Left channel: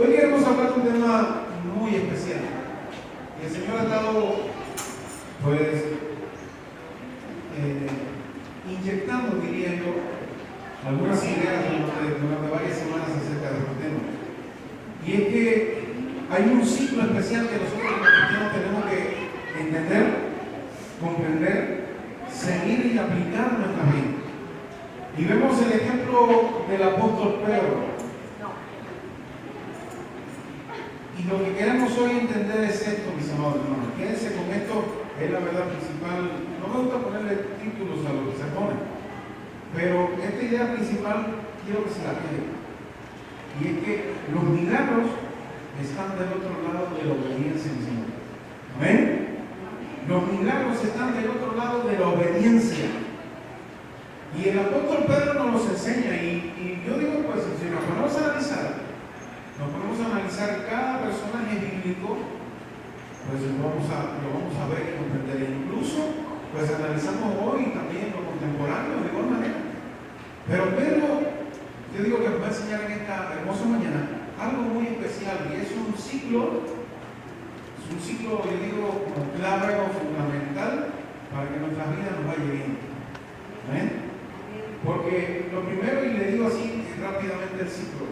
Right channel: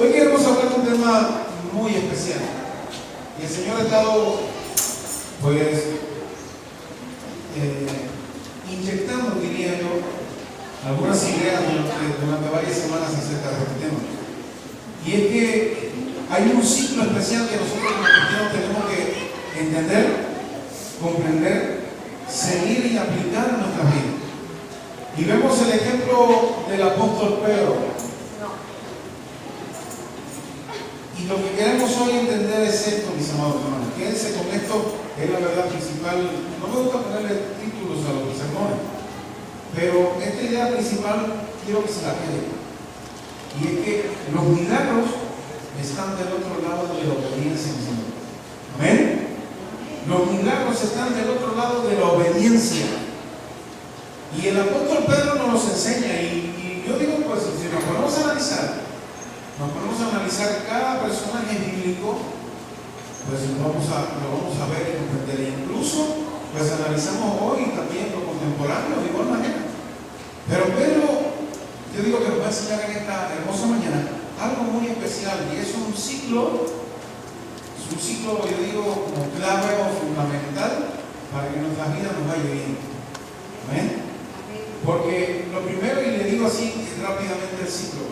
Hoy queremos hablar de un tema muy especial. Y el Señor ha estado, pues, inyectando, diría yo, algunas ideas durante varias semanas acerca de este tema. Y es que hay un ciclo especial que nosotros como cristianos tenemos que entender, comprender, seguir y aplicar en nuestra vida. Y vemos el ejemplo del apóstol Pedro. Y lo que queremos hoy entender es esto, mis amados hermanos. Quédense con esto, es la verdad principal. No me gusta ponerle títulos a los sermones, pero esta idea principal quiero que se la quede. Y es que los milagros están del otro lado de la obediencia del Señor. ¿Amén? Los milagros están del otro lado de la obediencia. Y el apóstol Pedro nos los enseña. Y yo digo, pues, si nos ponemos a analizar cada personaje bíblico, pues lo vamos a ver y comprender. Incluso, pues analizamos hoy también lo contemporáneo de igual manera. Pero Pedro, yo digo que nos va a enseñar en esta hermosa mañana algo muy especial, y es un ciclo, yo digo, como clave o fundamental para que nuestra vida nos vaya bien. ¿Amén? Porque lo primero, y le digo así rápidamente el ciclo,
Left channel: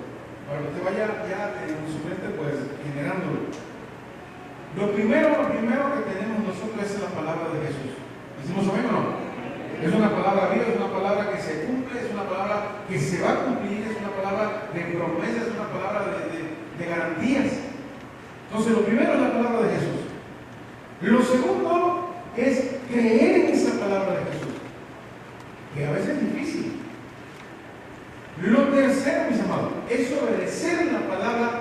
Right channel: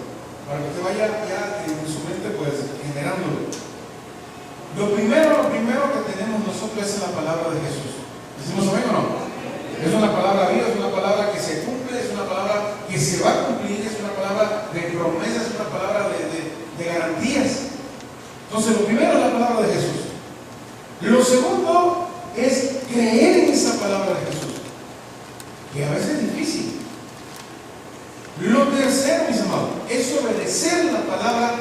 para que usted vaya ya en su mente pues generándolo. Lo primero que tenemos nosotros es la palabra de Jesús. ¿Decimos amén o no? Es una palabra viva, es una palabra que se cumple, es una palabra que se va a cumplir, es una palabra de promesas, es una palabra de garantías. Entonces lo primero es la palabra de Jesús. Lo segundo es creer en esa palabra de Jesús, que a veces es difícil. Lo tercero, mis amados, es obedecer la palabra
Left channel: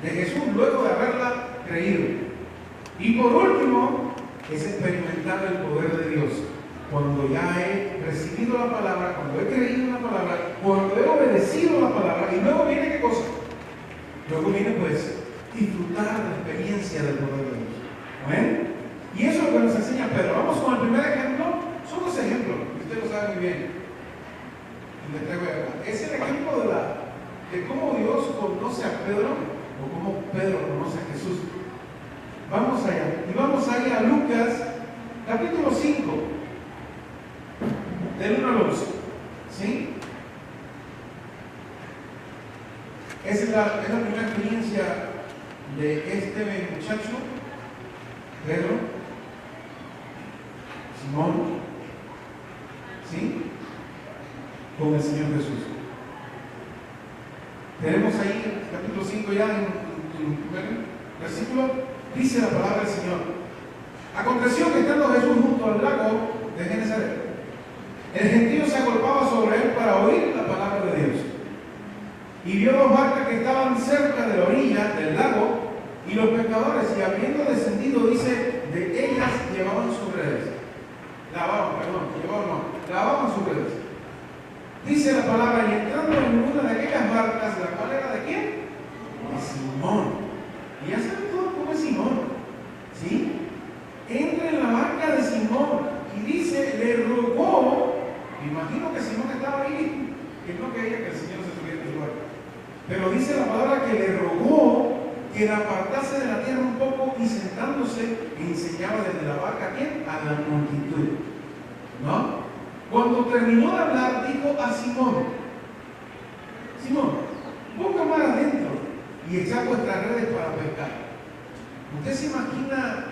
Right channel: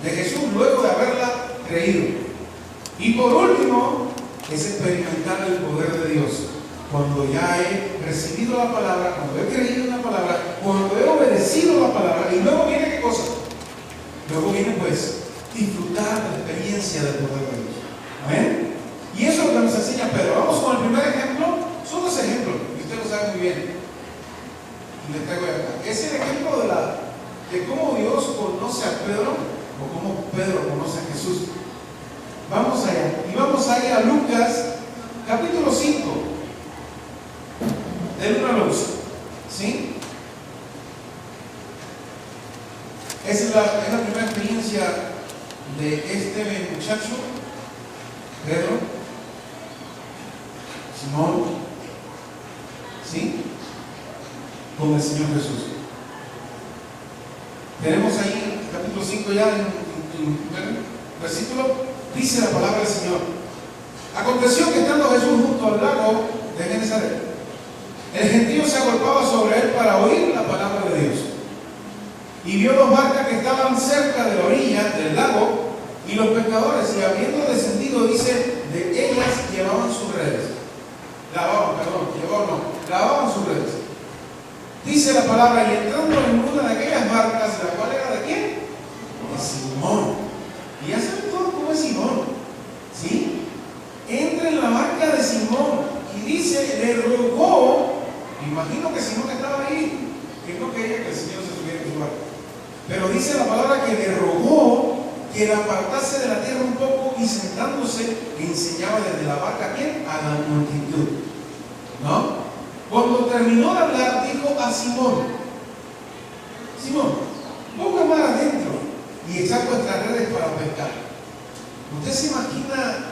de Jesús luego de haberla creído. Y por último, es experimentar el poder de Dios. Cuando ya he recibido la palabra, cuando he creído en la palabra, cuando he obedecido la palabra, y luego viene ¿qué cosa? Luego viene pues disfrutar la experiencia del poder de Dios. ¿Amén? Y eso es lo que nos enseña Pedro. Vamos con el primer ejemplo. Son dos ejemplos, y usted lo sabe muy bien. Y le traigo acá. Es el ejemplo de cómo Dios conoce a Pedro, o cómo Pedro conoce a Jesús. Vamos allá. Y vamos a ir a Lucas, capítulo 5, del 1 al 11. ¿Sí? Esa es la primera experiencia de este muchacho, Pedro, Simón, ¿sí?, con el Señor Jesús. Tenemos ahí capítulo 5 ya en el primer versículo. Dice la palabra del Señor: aconteció que estando Jesús junto al lago de Genesaret, el gentío se agolpaba sobre él para oír la palabra de Dios. Y vio dos barcas que estaban cerca de la orilla del lago, y los pescadores, y habiendo descendido, dice, de ellas llevaban sus redes. Lavaban sus redes. Dice la palabra: y entrando en una de aquellas barcas, la cual era de quién? De Simón. Y ya saben todos cómo es Simón, ¿sí? Entra en la barca de Simón y dice, le rogó. Imagino que Simón estaba ahí, que no quería que el Señor se subiera en su barca. Pero dice la palabra que le rogó que la apartase de la tierra un poco, y sentándose enseñaba desde la barca ¿a quién? A la multitud. ¿No? Cuando terminó de hablar, dijo a Simón: Simón, busca más adentro y echad vuestras redes para pescar. ¿Usted se imagina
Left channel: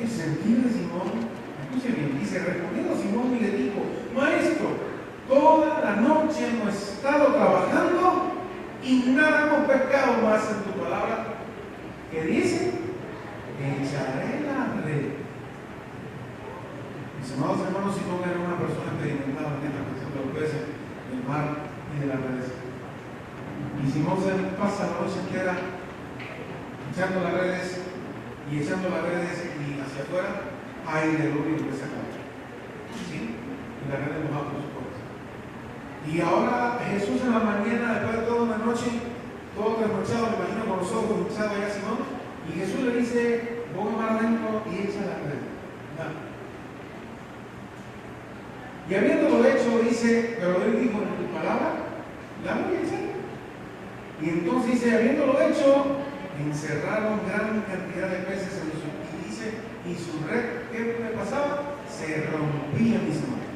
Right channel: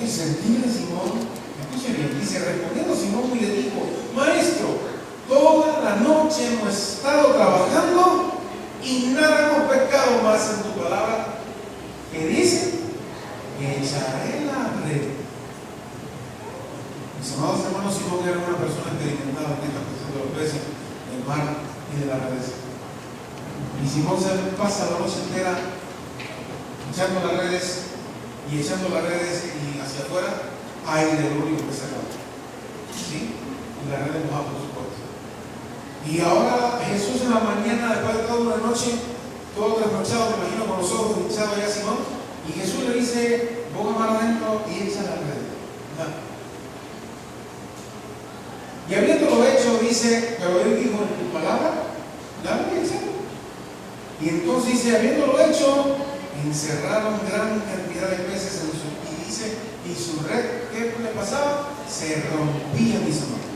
el sentir de Simón? Escuche bien, dice: respondiendo Simón y le dijo: Maestro, toda la noche hemos estado trabajando y nada hemos pescado, más en tu palabra que dice: echaré la red. Mis amados hermanos, Simón era una persona experimentada en esta cuestión de los peces, del mar y de las redes. Y Simón se pasa la noche entera echando las redes y hacia afuera hay el único que se acaba. ¿Sí? Y las redes mojadas, por supuesto. Y ahora Jesús en la mañana, después de toda una noche, todo trasnochado, me imagino con los ojos hinchados ya Simón, y Jesús le dice: boca más adentro y echa las redes. Y habiéndolo hecho, dice: pero él dijo: en tu palabra, dame y echa. Y Y entonces dice, habiéndolo hecho, encerraron gran cantidad de peces en su, y dice, y su red, ¿qué le pasaba? Se rompía, mis amados.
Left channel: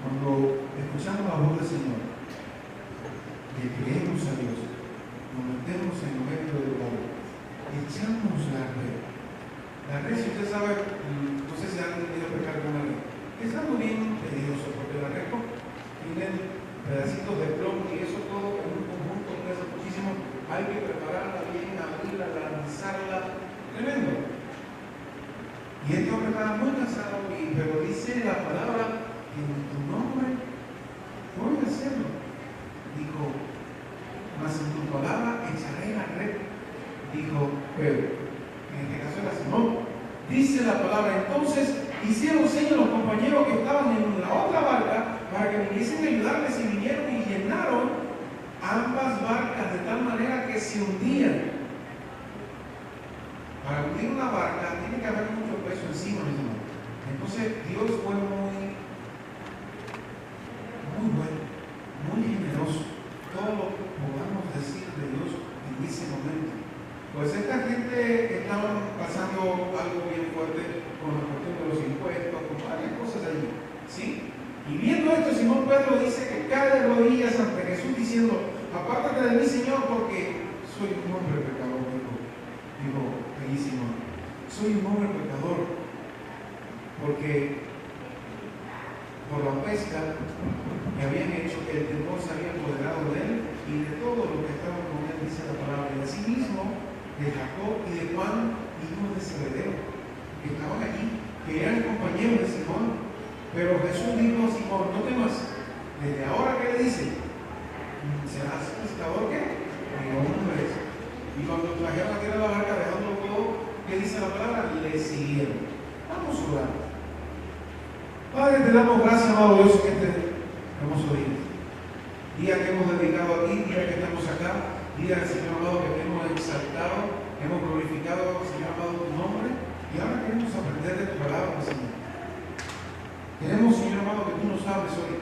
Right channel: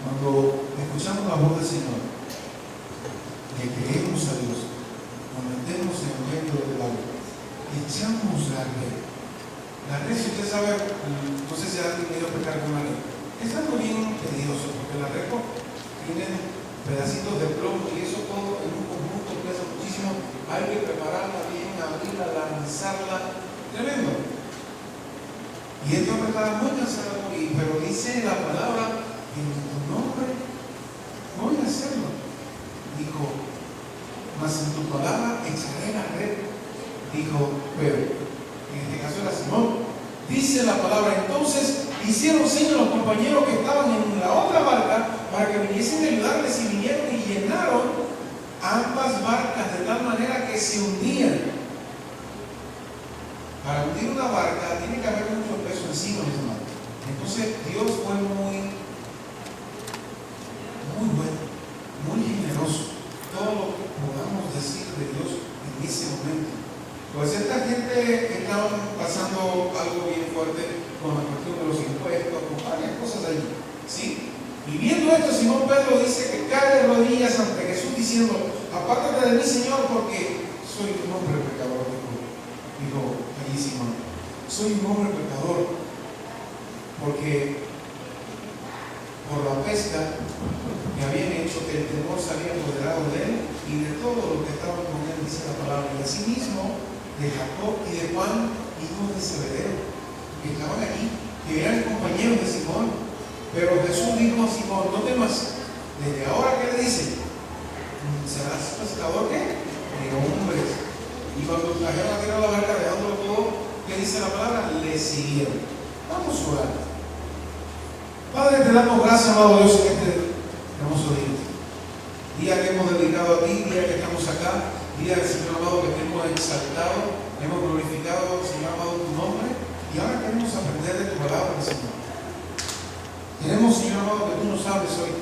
Cuando escuchamos la voz del Señor, le creemos a Dios, nos metemos en medio del agua, echamos la red. La red, si usted sabe, no sé si ha tenido que pecar con la red, es algo bien tedioso, porque la red tiene pedacitos de plomo y eso todo en un conjunto pesa muchísimo. Hay que prepararla bien, abrirla, lanzarla, tremendo. Y este hombre estaba muy cansado, pero dice la palabra, en tu nombre voy a hacerlo. Dijo, mas en tu palabra echaré la red. Dijo Pedro, en este caso era Simón. Dice la palabra, entonces hicieron señas los compañeros que estaban en la otra barca para que viniesen a ayudarles, y vinieron y llenaron ambas barcas de tal manera que se hundían. Para hundir una barca tiene que haber mucho peso encima, mis hermanos. Entonces Dios fue muy bueno, muy generoso. Todo lo que podamos decir de Dios en ese momento. Pues esta gente estaban pasando algo bien fuerte con la cuestión de los impuestos, con varias cosas allí, ¿sí? Y viendo esto, Simón Pedro dice que cae de rodillas ante Jesús diciendo, apártate de mí, Señor, porque soy un hombre pecador. Dijo allí Simón, soy un hombre pecador, porque por la pesca que habían hecho, que el temor se había apoderado de él y de todo lo que estaban con él, dice la palabra, y así mismo de Jacob y de Juan, hijos de Zebedeo, que estaban allí, que eran compañeros de Simón. Pero Jesús dijo a Simón, no temas, desde ahora, ¿qué le dice? ¿Serás pescador qué? De hombres. Y cuando trajeron a tirar la barca, dejándolo todo, ¿qué dice la palabra? Le siguieron. Vamos a orar. Padre, te damos gracias, amado Dios, en este hermoso día que hemos dedicado a ti, día que estamos acá, día, Señor amado, que te hemos exaltado, hemos glorificado, Señor amado, tu nombre, y ahora queremos aprender de tu palabra, Señor. Queremos, Señor amado, que tú nos hables hoy,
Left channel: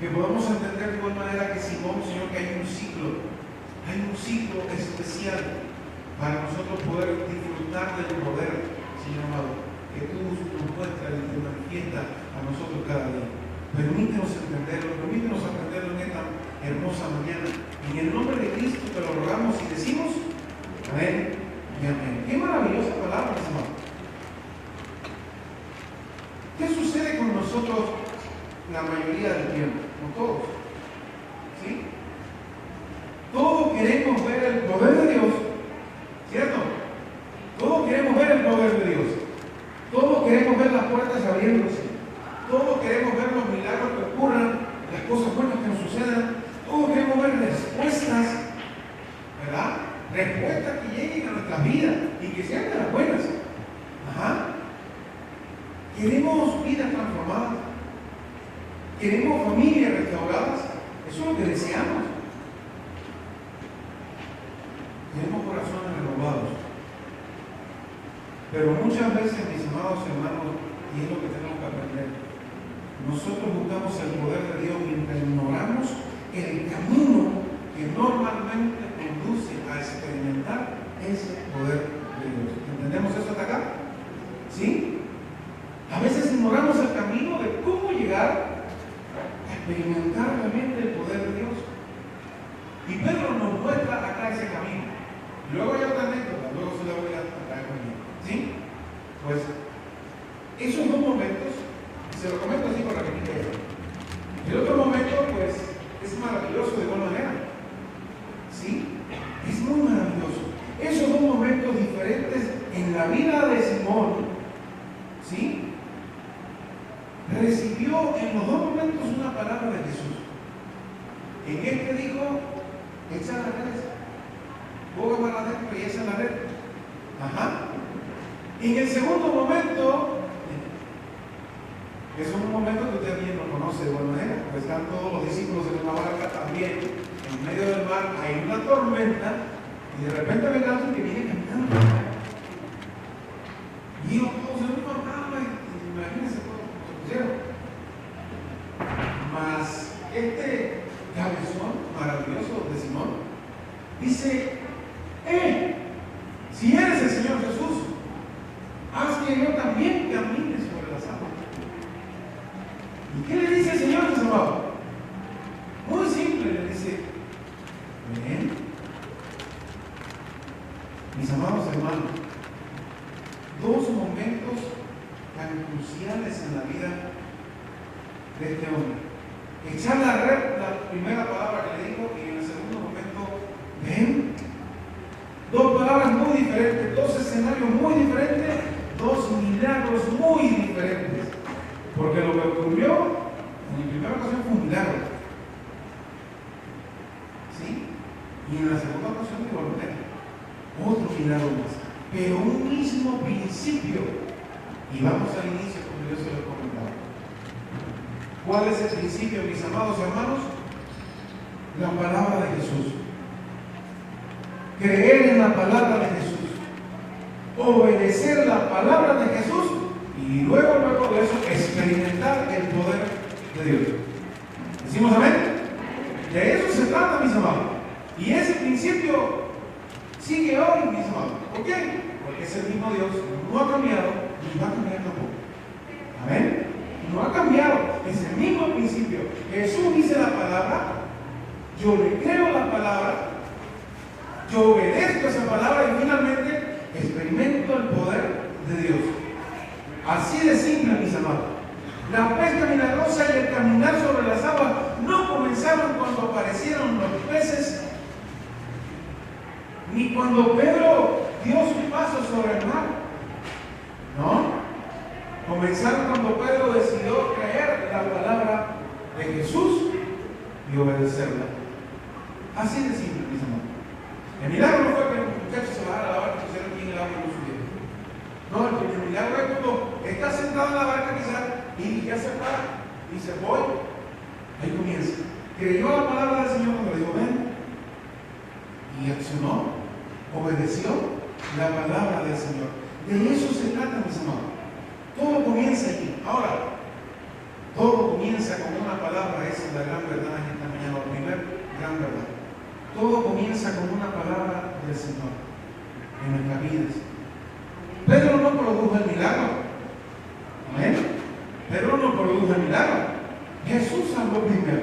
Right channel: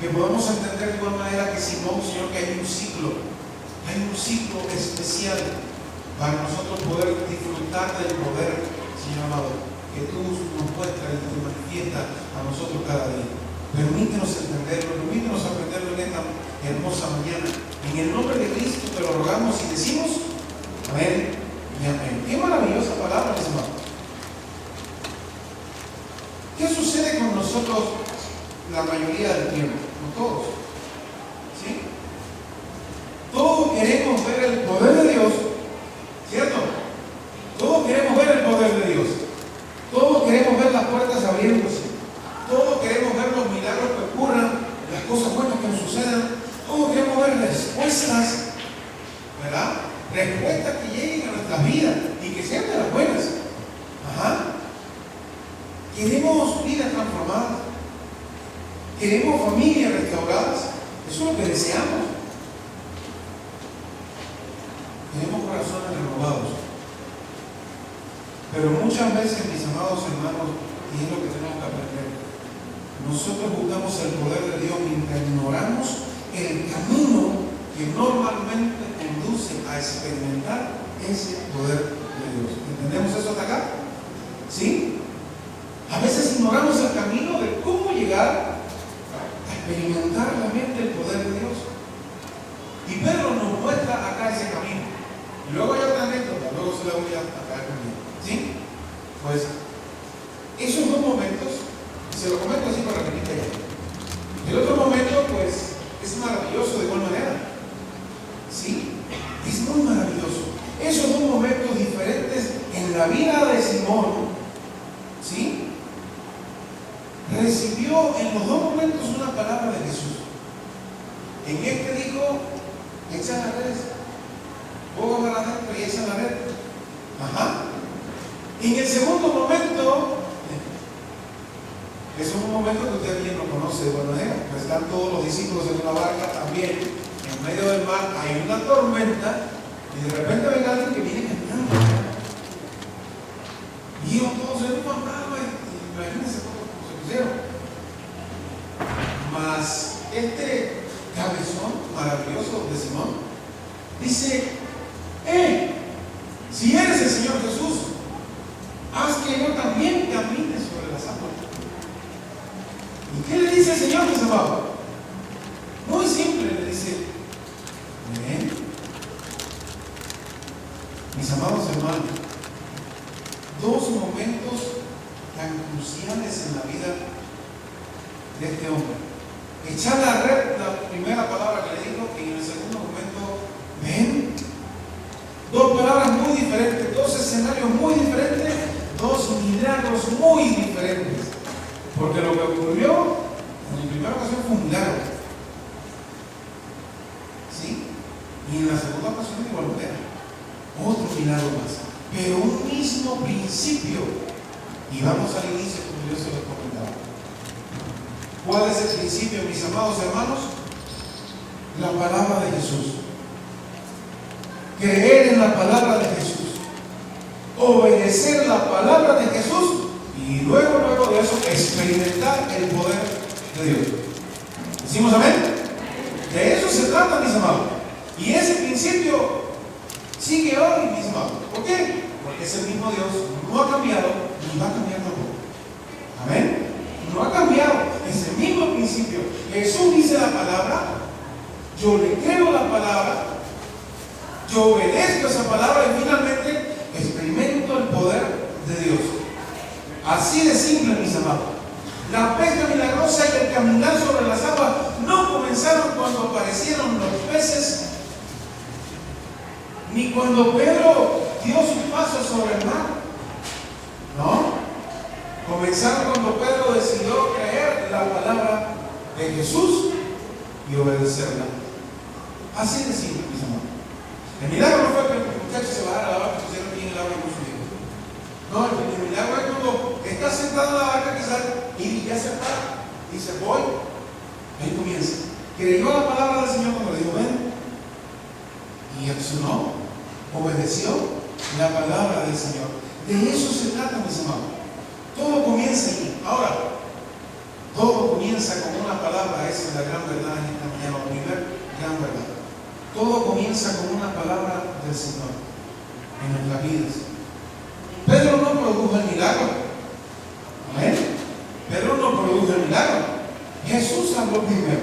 que podamos entender de igual manera que Simón, Señor, que hay un ciclo especial para nosotros poder disfrutar del poder, Señor amado, que tú nos muestras y nos manifiestas a nosotros cada día. Permítenos entenderlo, permítenos aprenderlo en esta hermosa mañana. En el nombre de Cristo te lo rogamos y decimos amén y amén. Qué maravillosa palabra, mis hermanos. ¿Qué sucede con nosotros la mayoría del tiempo? No todos. ¿Sí? Todos queremos ver el poder de Dios, ¿cierto? Todos queremos ver el poder de Dios. Todos queremos ver las puertas abriéndose. Todos queremos ver los milagros que ocurran, las cosas buenas que nos sucedan. Todos queremos ver respuestas, ¿verdad? Respuestas que lleguen a nuestras vidas y que sean de las buenas. Ajá. Queremos vidas transformadas. Queremos familias restauradas. Eso es lo que deseamos. Tenemos corazones renovados. Pero muchas veces, mis amados hermanos, y es lo que tenemos que aprender, nosotros buscamos el poder de Dios mientras ignoramos el camino que normalmente conduce a experimentar ese poder de Dios. ¿Entendemos eso hasta acá? ¿Sí? A veces ignoramos el camino de cómo llegar a experimentar realmente el poder de Dios. Y Pedro nos muestra acá ese camino. Y luego hay otra anécdota, luego se la voy a acá conmigo. ¿Sí? Pues, esos dos momentos, y se lo comento así para que me entiendan. El otro momento, pues, es maravilloso de igual manera. ¿Sí? Es muy maravilloso. Esos dos momentos diferentes en la vida de Simón, ¿sí? Recibió en los dos momentos una palabra de Jesús. En este dijo, echa la red, pongo para adentro y echa la red. Ajá. En el segundo momento, es un momento que usted bien lo conoce de buena manera. Están todos los discípulos en una barca también, en medio del mar, hay una tormenta, y de repente ven a alguien que viene caminando. Y ellos todos en una calma, imagínense todos cómo se pusieron. Mas este cabezón maravilloso de Simón. Dice, si eres el Señor Jesús, haz que yo también camine sobre las aguas. ¿Y qué le dice el Señor, mis amados? Muy simple, le dice, ven. Mis amados hermanos, dos momentos tan cruciales en la vida de este hombre. Echar la red, la primera palabra que le dijo, y en el segundo momento, ven. Dos palabras muy diferentes, dos escenarios muy diferentes, dos milagros muy diferentes. Porque lo que ocurrió en la primera ocasión fue un milagro. ¿Sí? Y en la segunda ocasión igualmente. Otro milagro más. Pero un mismo principio. Y vamos al inicio, como yo se lo comentaba. ¿Cuál es el principio, mis amados hermanos? La palabra de Jesús. Creer en la palabra de Jesús. Obedecer la palabra de Jesús. Y luego de eso, experimentar el poder de Dios. ¿Decimos amén? De eso se trata, mis amados. Y ese principio sigue hoy, mis amados. ¿Por qué? Porque ese mismo Dios no ha cambiado ni va a cambiar tampoco. Amén. No ha cambiado. Ese mismo principio. Jesús dice la palabra, yo le creo la palabra, yo obedezco esa palabra y finalmente experimento el poder de Dios. Así de simple, mis amados. La pesca milagrosa y el caminar sobre las aguas no comenzaron cuando aparecieron los peces, ni cuando Pedro dio su paso sobre el mar. No. Comenzaron cuando Pedro decidió creer la palabra de Jesús y obedecerla. Así de simple, mis amados. El milagro no fue que el muchacho se bajara a la barca y pusieron aquí en el agua y puso bien. No, el milagro es cuando está sentado en la barca quizás y ya se para y dice, voy. Ahí comienza. Creyó la palabra del Señor cuando le dijo, ven. Y accionó, obedeció la palabra del Señor. De eso se trata, mis amados. Todo comienza aquí. Ahora, todo comienza con una palabra. Esa es la gran verdad en esta mañana, la primera gran verdad. Todo comienza con una palabra del Señor en nuestras vidas. Pedro no produjo el milagro. ¿Amén? Pedro no produjo el milagro. Jesús habló primero.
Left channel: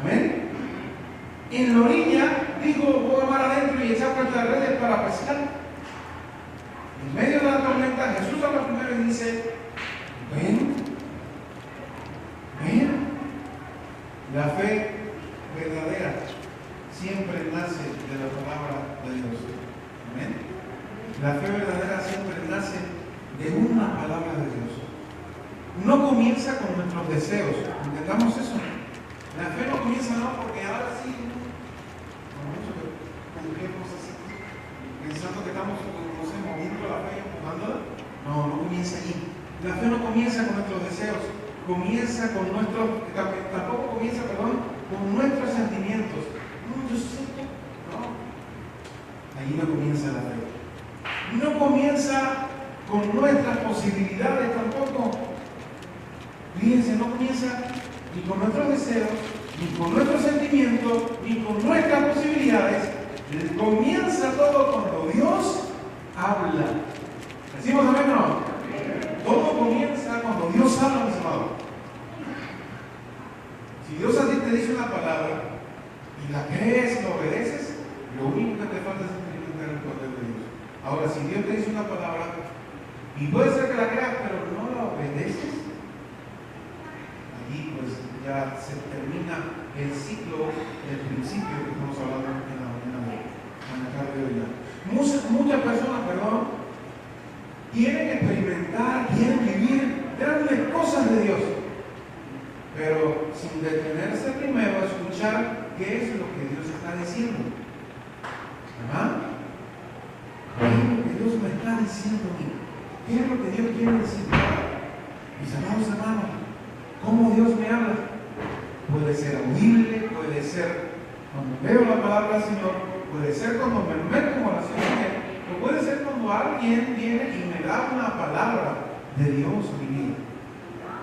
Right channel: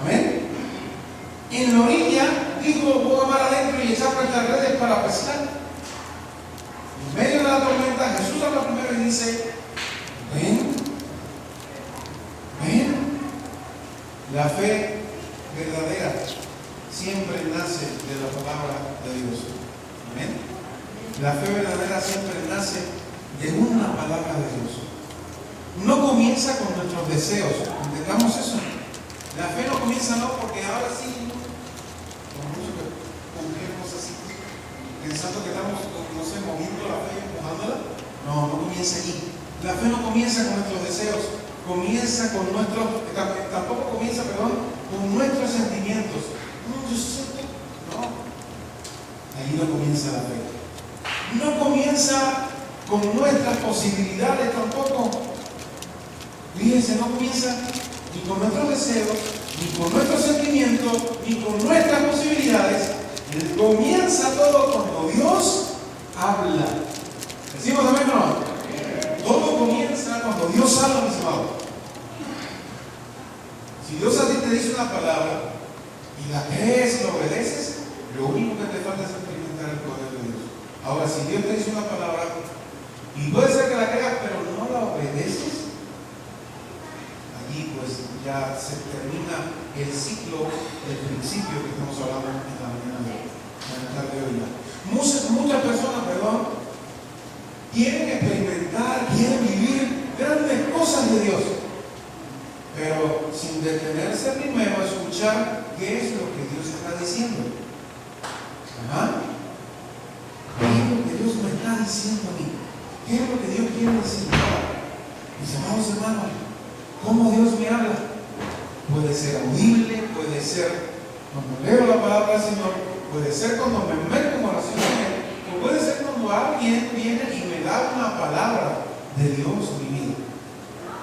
¿Amén? En la orilla dijo, voy a mar adentro y echar nuestras redes para pescar. En medio de la tormenta, Jesús habla primero y dice, ven, ven. La fe verdadera siempre nace de la palabra de Dios. Amén. La fe verdadera siempre nace de una palabra de Dios. No comienza con nuestros deseos. ¿Entendamos eso? La fe no comienza porque ahora sí, como mucho que cumplirnos así, pensando que estamos, no sé, moviendo la fe y empujándola. No, no comienza allí. La fe no comienza con nuestros deseos. Comienza con tampoco comienza, con nuestros sentimientos. No. Allí no comienza la fe. No comienza con nuestras posibilidades tampoco. Fíjense, no comienza ni con nuestros deseos, ni con nuestros sentimientos, ni con nuestras posibilidades. Comienza todo cuando Dios habla. ¿Decimos amén o no? Todo comienza cuando Dios habla, mis amados. Si Dios a ti te dice una palabra y la crees y la obedeces, lo único que te falta es experimentar el poder de Dios. Ahora, si Dios te dice una palabra y puede ser que la creas, pero no la obedeces, allí pues ya se termina el ciclo del principio que estamos hablando en la mañana de la tarde de hoy. Muchas personas, quieren experimentar, quieren vivir grandes cosas de Dios, pero sin detenerse primero a escuchar qué es lo que Dios está diciendo. ¿Qué es lo que Dios me está diciendo a mí? ¿Qué es lo que Dios quiere decir ahora? Mis amados hermanos, ¿cómo Dios me habla? Puede ser audible, puede ser cuando leo la palabra del Señor, puede ser cuando me meto en oración, o puede ser cuando alguien viene y me da una palabra de Dios a mi vida.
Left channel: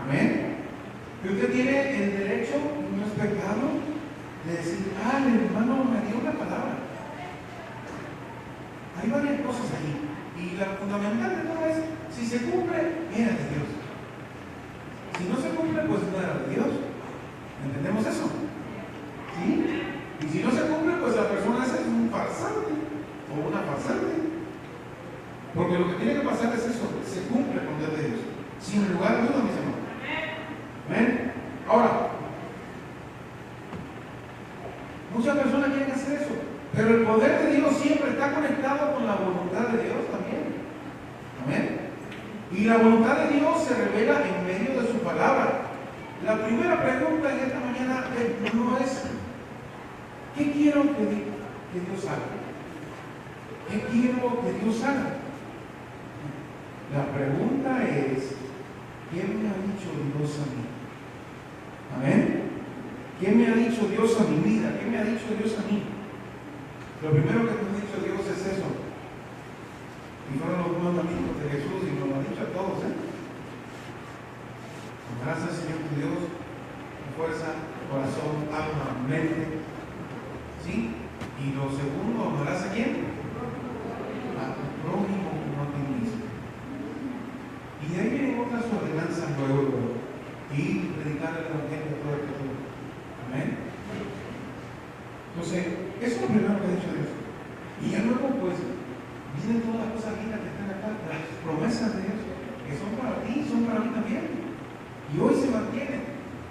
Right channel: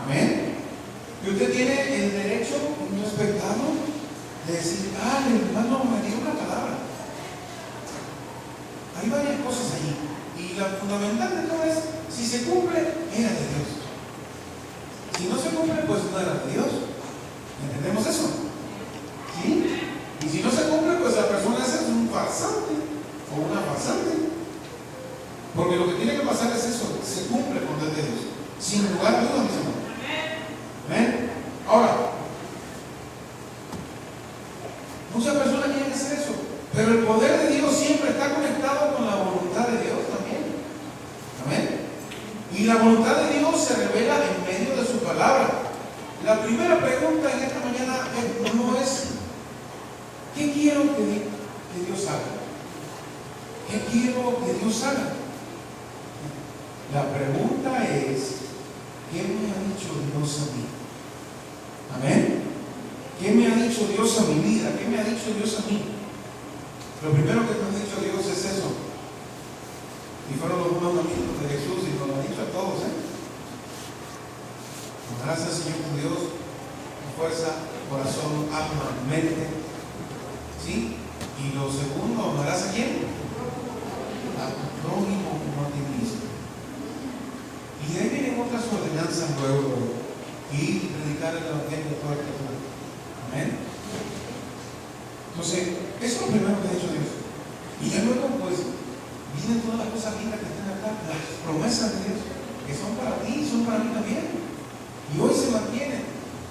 Amén. Y usted tiene el derecho, y no es pecado, de decir, Y la fundamental de todo es, si se cumple, era de Dios. Si no se cumple, pues no era de Dios. ¿Entendemos eso? ¿Sí? Y si no se cumple, pues la persona esa es un farsante o una farsante. Porque lo que tiene que pasar es eso, se cumple con el de Dios. Sin lugar a dudas, mis hermanos. ¿Ven? Ahora, muchas personas quieren hacer eso, pero el poder de Dios siempre está conectado con la voluntad de Dios también. Amén. Y la voluntad de Dios se revela en medio de su palabra. La primera pregunta en esta mañana no es ¿qué quiero que Dios haga? ¿Qué quiero que Dios haga? La pregunta es ¿qué me ha dicho Dios a mí? Amén. ¿Qué me ha dicho Dios a mi vida? ¿Qué me ha dicho Dios a mí? Lo primero que nos ha dicho Dios es eso. Y fueron los mandamientos de Jesús y nos lo ha dicho a todos. Amarás al Señor tu Dios con fuerza, corazón, alma, mente. ¿Sí? Y lo segundo, ¿amarás a quién? A tu prójimo como a ti mismo. Y de ahí vienen otras ordenanzas luego. Y predicar el evangelio de toda criatura. Amén. Entonces, eso es lo primero que ha dicho Dios. Y ya luego, pues, vienen todas las cosas lindas que están acá, las promesas de Dios, que son para ti y son para mí también. Y hoy se mantienen.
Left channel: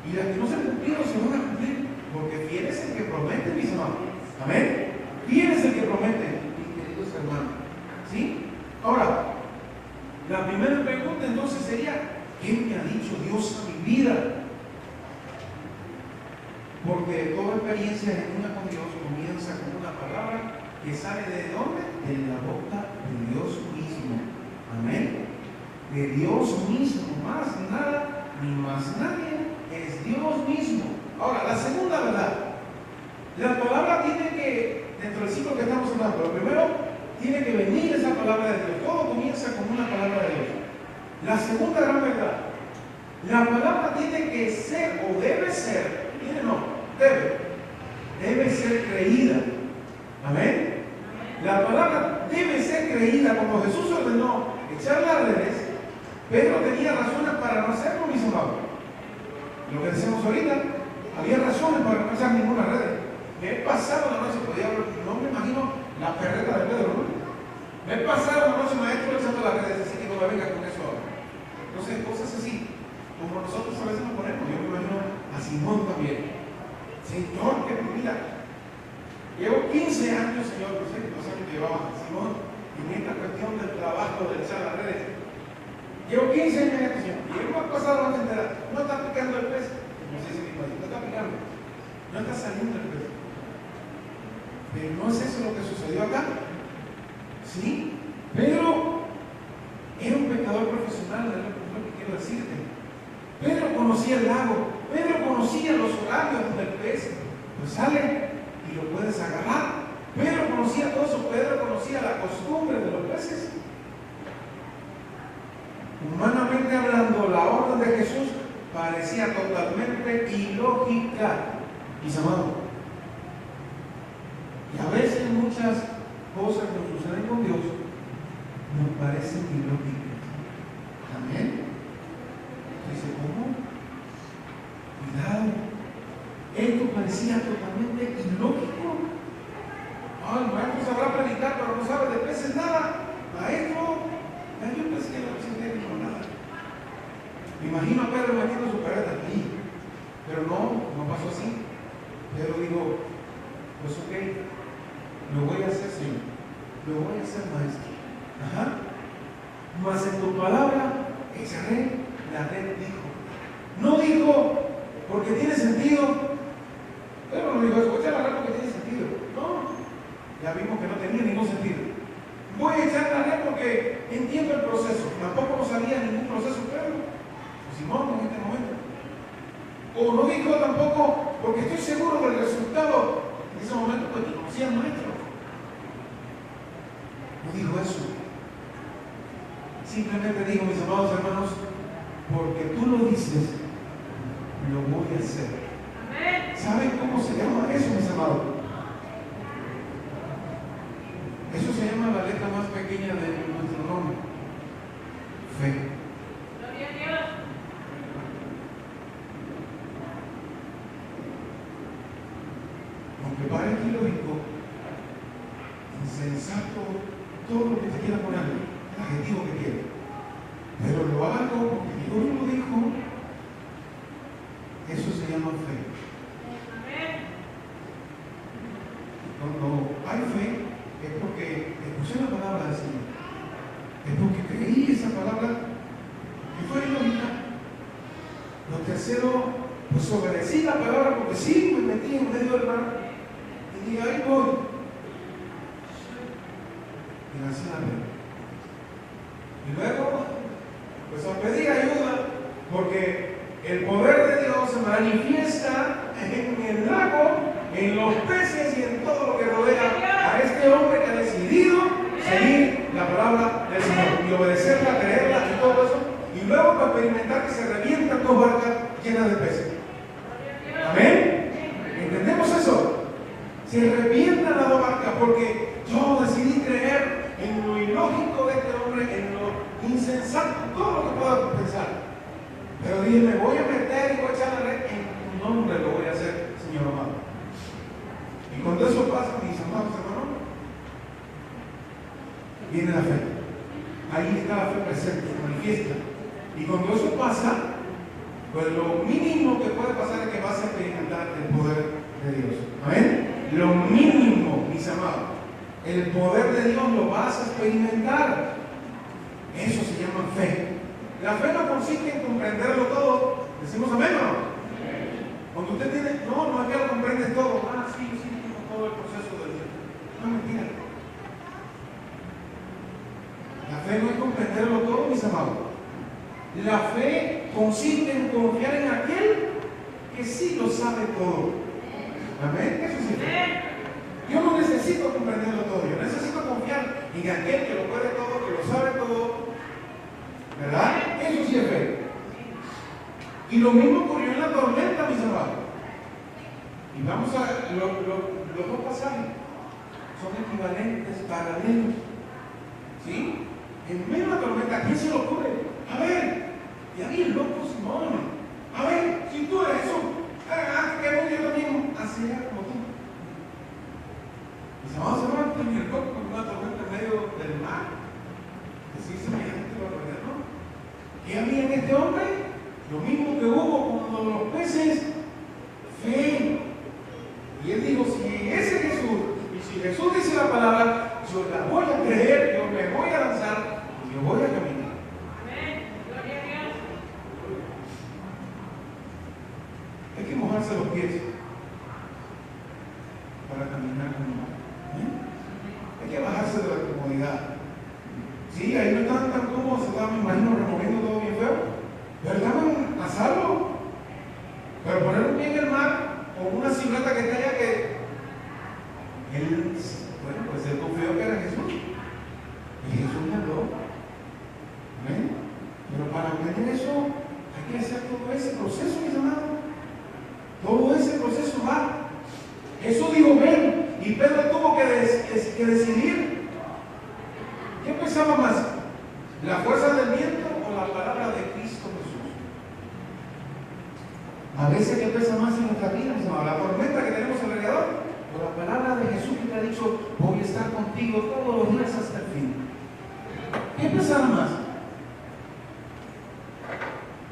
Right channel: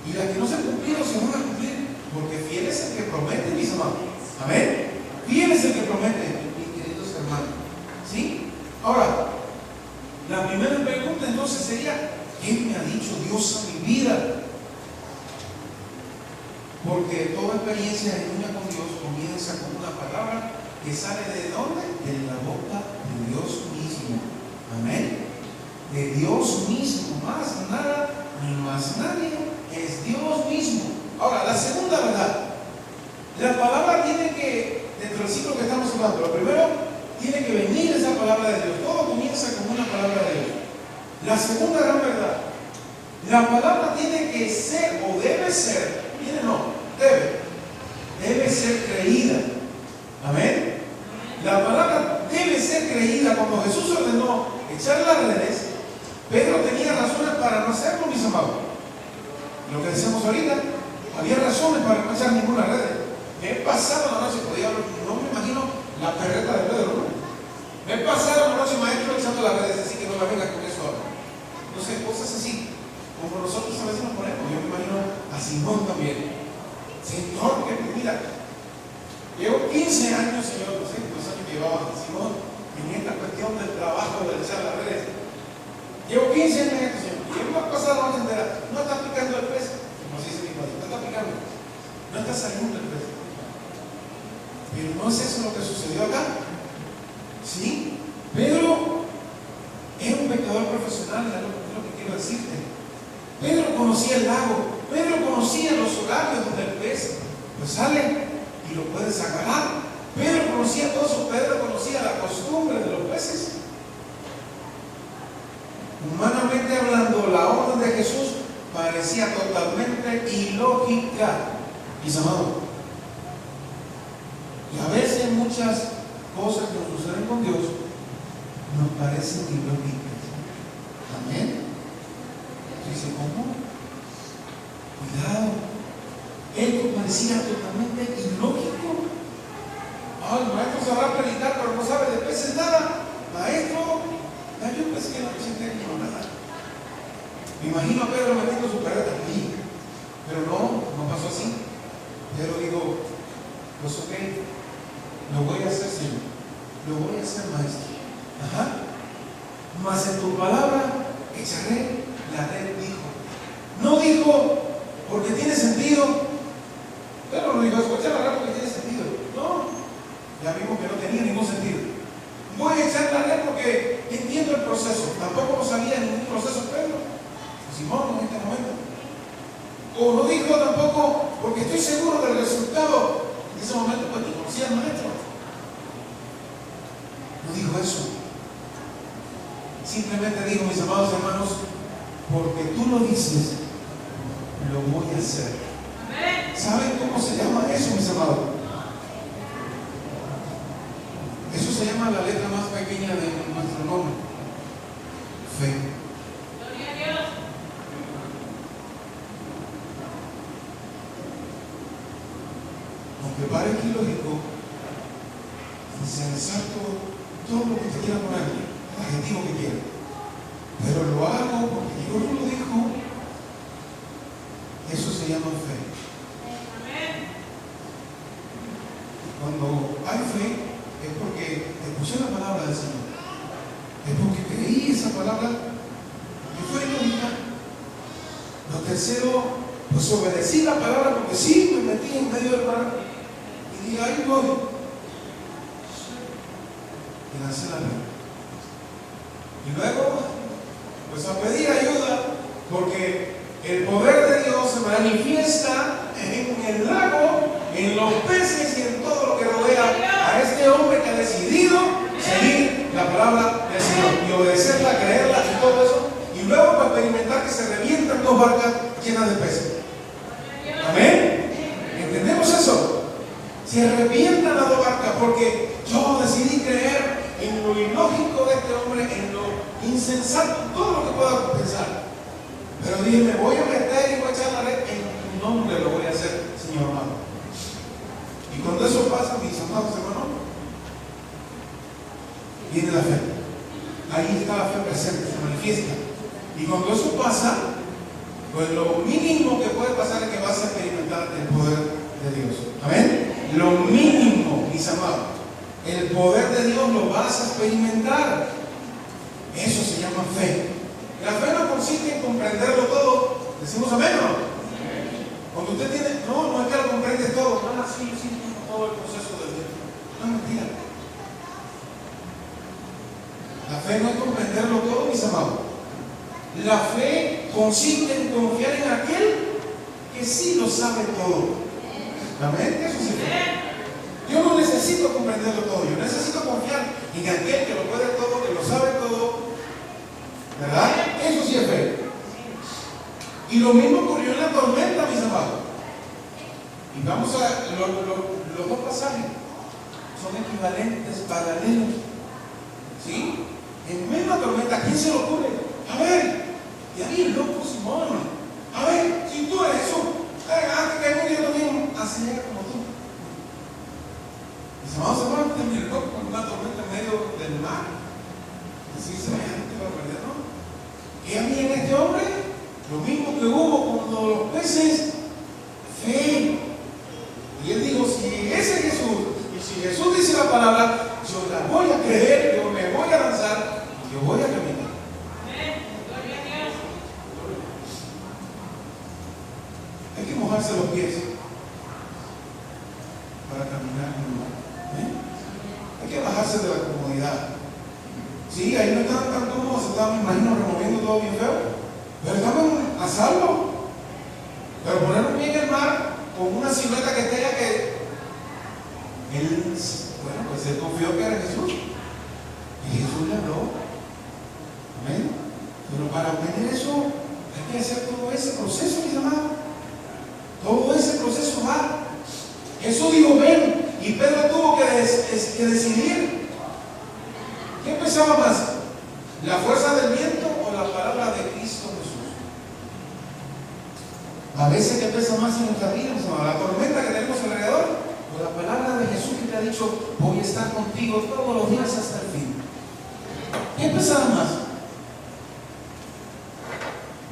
Y las que no se han cumplido se van a cumplir, porque fiel es el que promete, mis amados. Amén. Fiel es el que promete, mis queridos hermanos. ¿Sí? Ahora, la primera pregunta entonces sería, ¿qué me ha dicho Dios a mi vida? Porque toda experiencia genuina con Dios comienza con una palabra que sale ¿de dónde? De la boca de Dios mismo. Amén. De Dios mismo, más nada ni más nadie, es Dios mismo. Ahora, la segunda verdad, la palabra tiene que, dentro del ciclo que estamos hablando, lo primero, tiene que venir esa palabra de Dios. Todo comienza con una palabra de Dios. La segunda gran verdad, la palabra tiene que ser o debe ser, debe ser creída. Amén. La palabra debe ser creída. Cuando Jesús ordenó echar las redes, Pedro tenía razones para no hacerlo, mis amados. Lo que decíamos ahorita, había razones para no echar ninguna red. Me he pasado la noche, no me imagino la carreta de Pedro, ¿no? Me he pasado la noche, maestro, echando las redes, así que no me venga con eso ahora. No sé, cosas así, como nosotros a veces nos ponemos. Yo me imagino a Simón también. Señor, que mira, llevo 15 años, Señor, no sé cuántos años llevaba Simón en esta cuestión del trabajo de echar las redes. Llevo 15 años en esto, Señor, y hemos pasado la noche entera. No está picando el pez, como se dice mi padre, no está picando, no está saliendo el pez. Pero no es eso lo que sucedió acá. ¿Sí? Pedro era un pescador profesional, es lo que quiero decirte. Pedro conocía el lago, Pedro conocía los horarios donde el pez pues sale y lo puedes agarrar. Pedro conocía todo eso, Pedro conocía la costumbre de los peces. Humanamente hablando, la orden de Jesús parecía totalmente ilógica, mis amados. Y a veces muchas cosas que nos suceden con Dios nos parecen ilógicas. Amén. Dice, ¿cómo? Cuidado. Esto parecía totalmente ilógico. El maestro sabrá predicar, pero no sabe de peces nada. Maestro, yo pensé que no sin técnico nada. Me imagino a Pedro metiendo su carreta aquí. Pero no pasó así. Pedro dijo, pues ok, lo voy a hacer, Señor. Lo voy a hacer, maestro. Mas en tu palabra echaré la red, dijo. No dijo porque tiene sentido. Pero no dijo, escucha la red porque tiene sentido. No, ya vimos que no tenía ningún sentido. Voy a echar la red porque entiendo el proceso. Tampoco sabía ningún proceso Pedro o Simón en este momento. O no dijo tampoco porque estoy seguro del resultado. En ese momento pues no conocía al maestro. No dijo eso. Simplemente dijo, mis amados hermanos, porque tú lo dices, lo voy a hacer. ¿Saben cómo se llama eso, mis amados? Eso se llama la letra más pequeña de nuestro nombre. aunque parezca ilógico, insensato, todo lo que te quiera poner, el adjetivo que quiera, pero lo hago porque Dios lo dijo, eso se llama fe. Cuando hay fe es porque escuché la palabra del Señor, es porque creí esa palabra y fue lógica. Lo tercero, pues obedecí la palabra porque sí, me metí en medio del mar y dije, ahí voy. Y lancé la red. Y luego, pues a pedir ayuda, porque el poder de Dios se manifiesta en el lago, en los peces y en todo lo que rodea a este hombre que ha decidido seguir la palabra del Señor y obedecerla, creerla y todo eso. Y luego para experimentar que se revientan 2 barcas llenas de peces. Amén. ¿Entendemos eso? Se revientan las 2 barcas porque yo decidí creer en lo ilógico de este hombre, en lo insensato, todo lo que pueda pensar. Pero dije, me voy a meter y voy a echar la red, en tu nombre lo voy a hacer, Señor amado. Y cuando eso pasa, mis amados hermanos, viene la fe. Ahí está la fe presente, se manifiesta. Y cuando eso pasa, pues lo mínimo que puede pasar es que vas a experimentar el poder de Dios. Amén. Lo mínimo, mis amados. El poder de Dios lo vas a experimentar. Eso se llama fe. La fe no consiste en comprenderlo todo. Decimos amén, ¿no? Cuando usted tiene, no es que lo comprendes todo. Sí, todo el proceso de Dios. No, mentira. La fe no es comprenderlo todo, mis amados. La fe consiste en confiar en aquel que sí lo sabe todo. Amén. Eso sí. Yo no necesito comprenderlo todo. Yo necesito confiar en aquel que lo puede todo, que lo sabe todo. ¿Verdad? Eso sí es fe. Y lo mismo ocurrió en la tormenta, mis amados. Y vamos a los 2 pasajes son equivalentes, paralelos. ¿Sí? En misma tormenta, ¿a quién se le ocurre? A ver, y ahí el loco Simón. A ver, si tú eres eso, antes que yo también hacer como tú. Mis amados hermanos, terminó con una tormenta en medio del mar. Así semejante barbaridad, ¿no? ¿Qué había en este hombre? Lo mismo que hubo cuando los peces, fe. Y él dijo, si ese es Jesús, y si Jesús dice la palabra, yo la voy a creer, yo me voy a lanzar, y yo voy a caminar. Hay que mojarse los pies para caminar en un lugar. Hay que bajarse de la comodidad. Sí, ahí no estaban tan cómodos, estaban, me imagino, removiendo todo bien feo, pero estaban a salvo. Pero poner un pie en el mar con una silueta que está allá que él, bueno, pues él confió que era Jesús. Y Jesús le habló. Amén. Pero para obtener eso hay que hacer todo ese proceso, mis amados. Todo ese proceso va. Jesús dijo, ven. Y Pedro tuvo que decidir. ¿Qué pesaba más? ¿La fuerza del viento o la palabra de Cristo Jesús? A veces, ¿qué pesa más en nuestra vida? ¿La tormenta que tenemos alrededor? ¿O la palabra de Jesús que te ha dicho, voy a estar contigo todos los días hasta el fin? ¿Qué pesa más?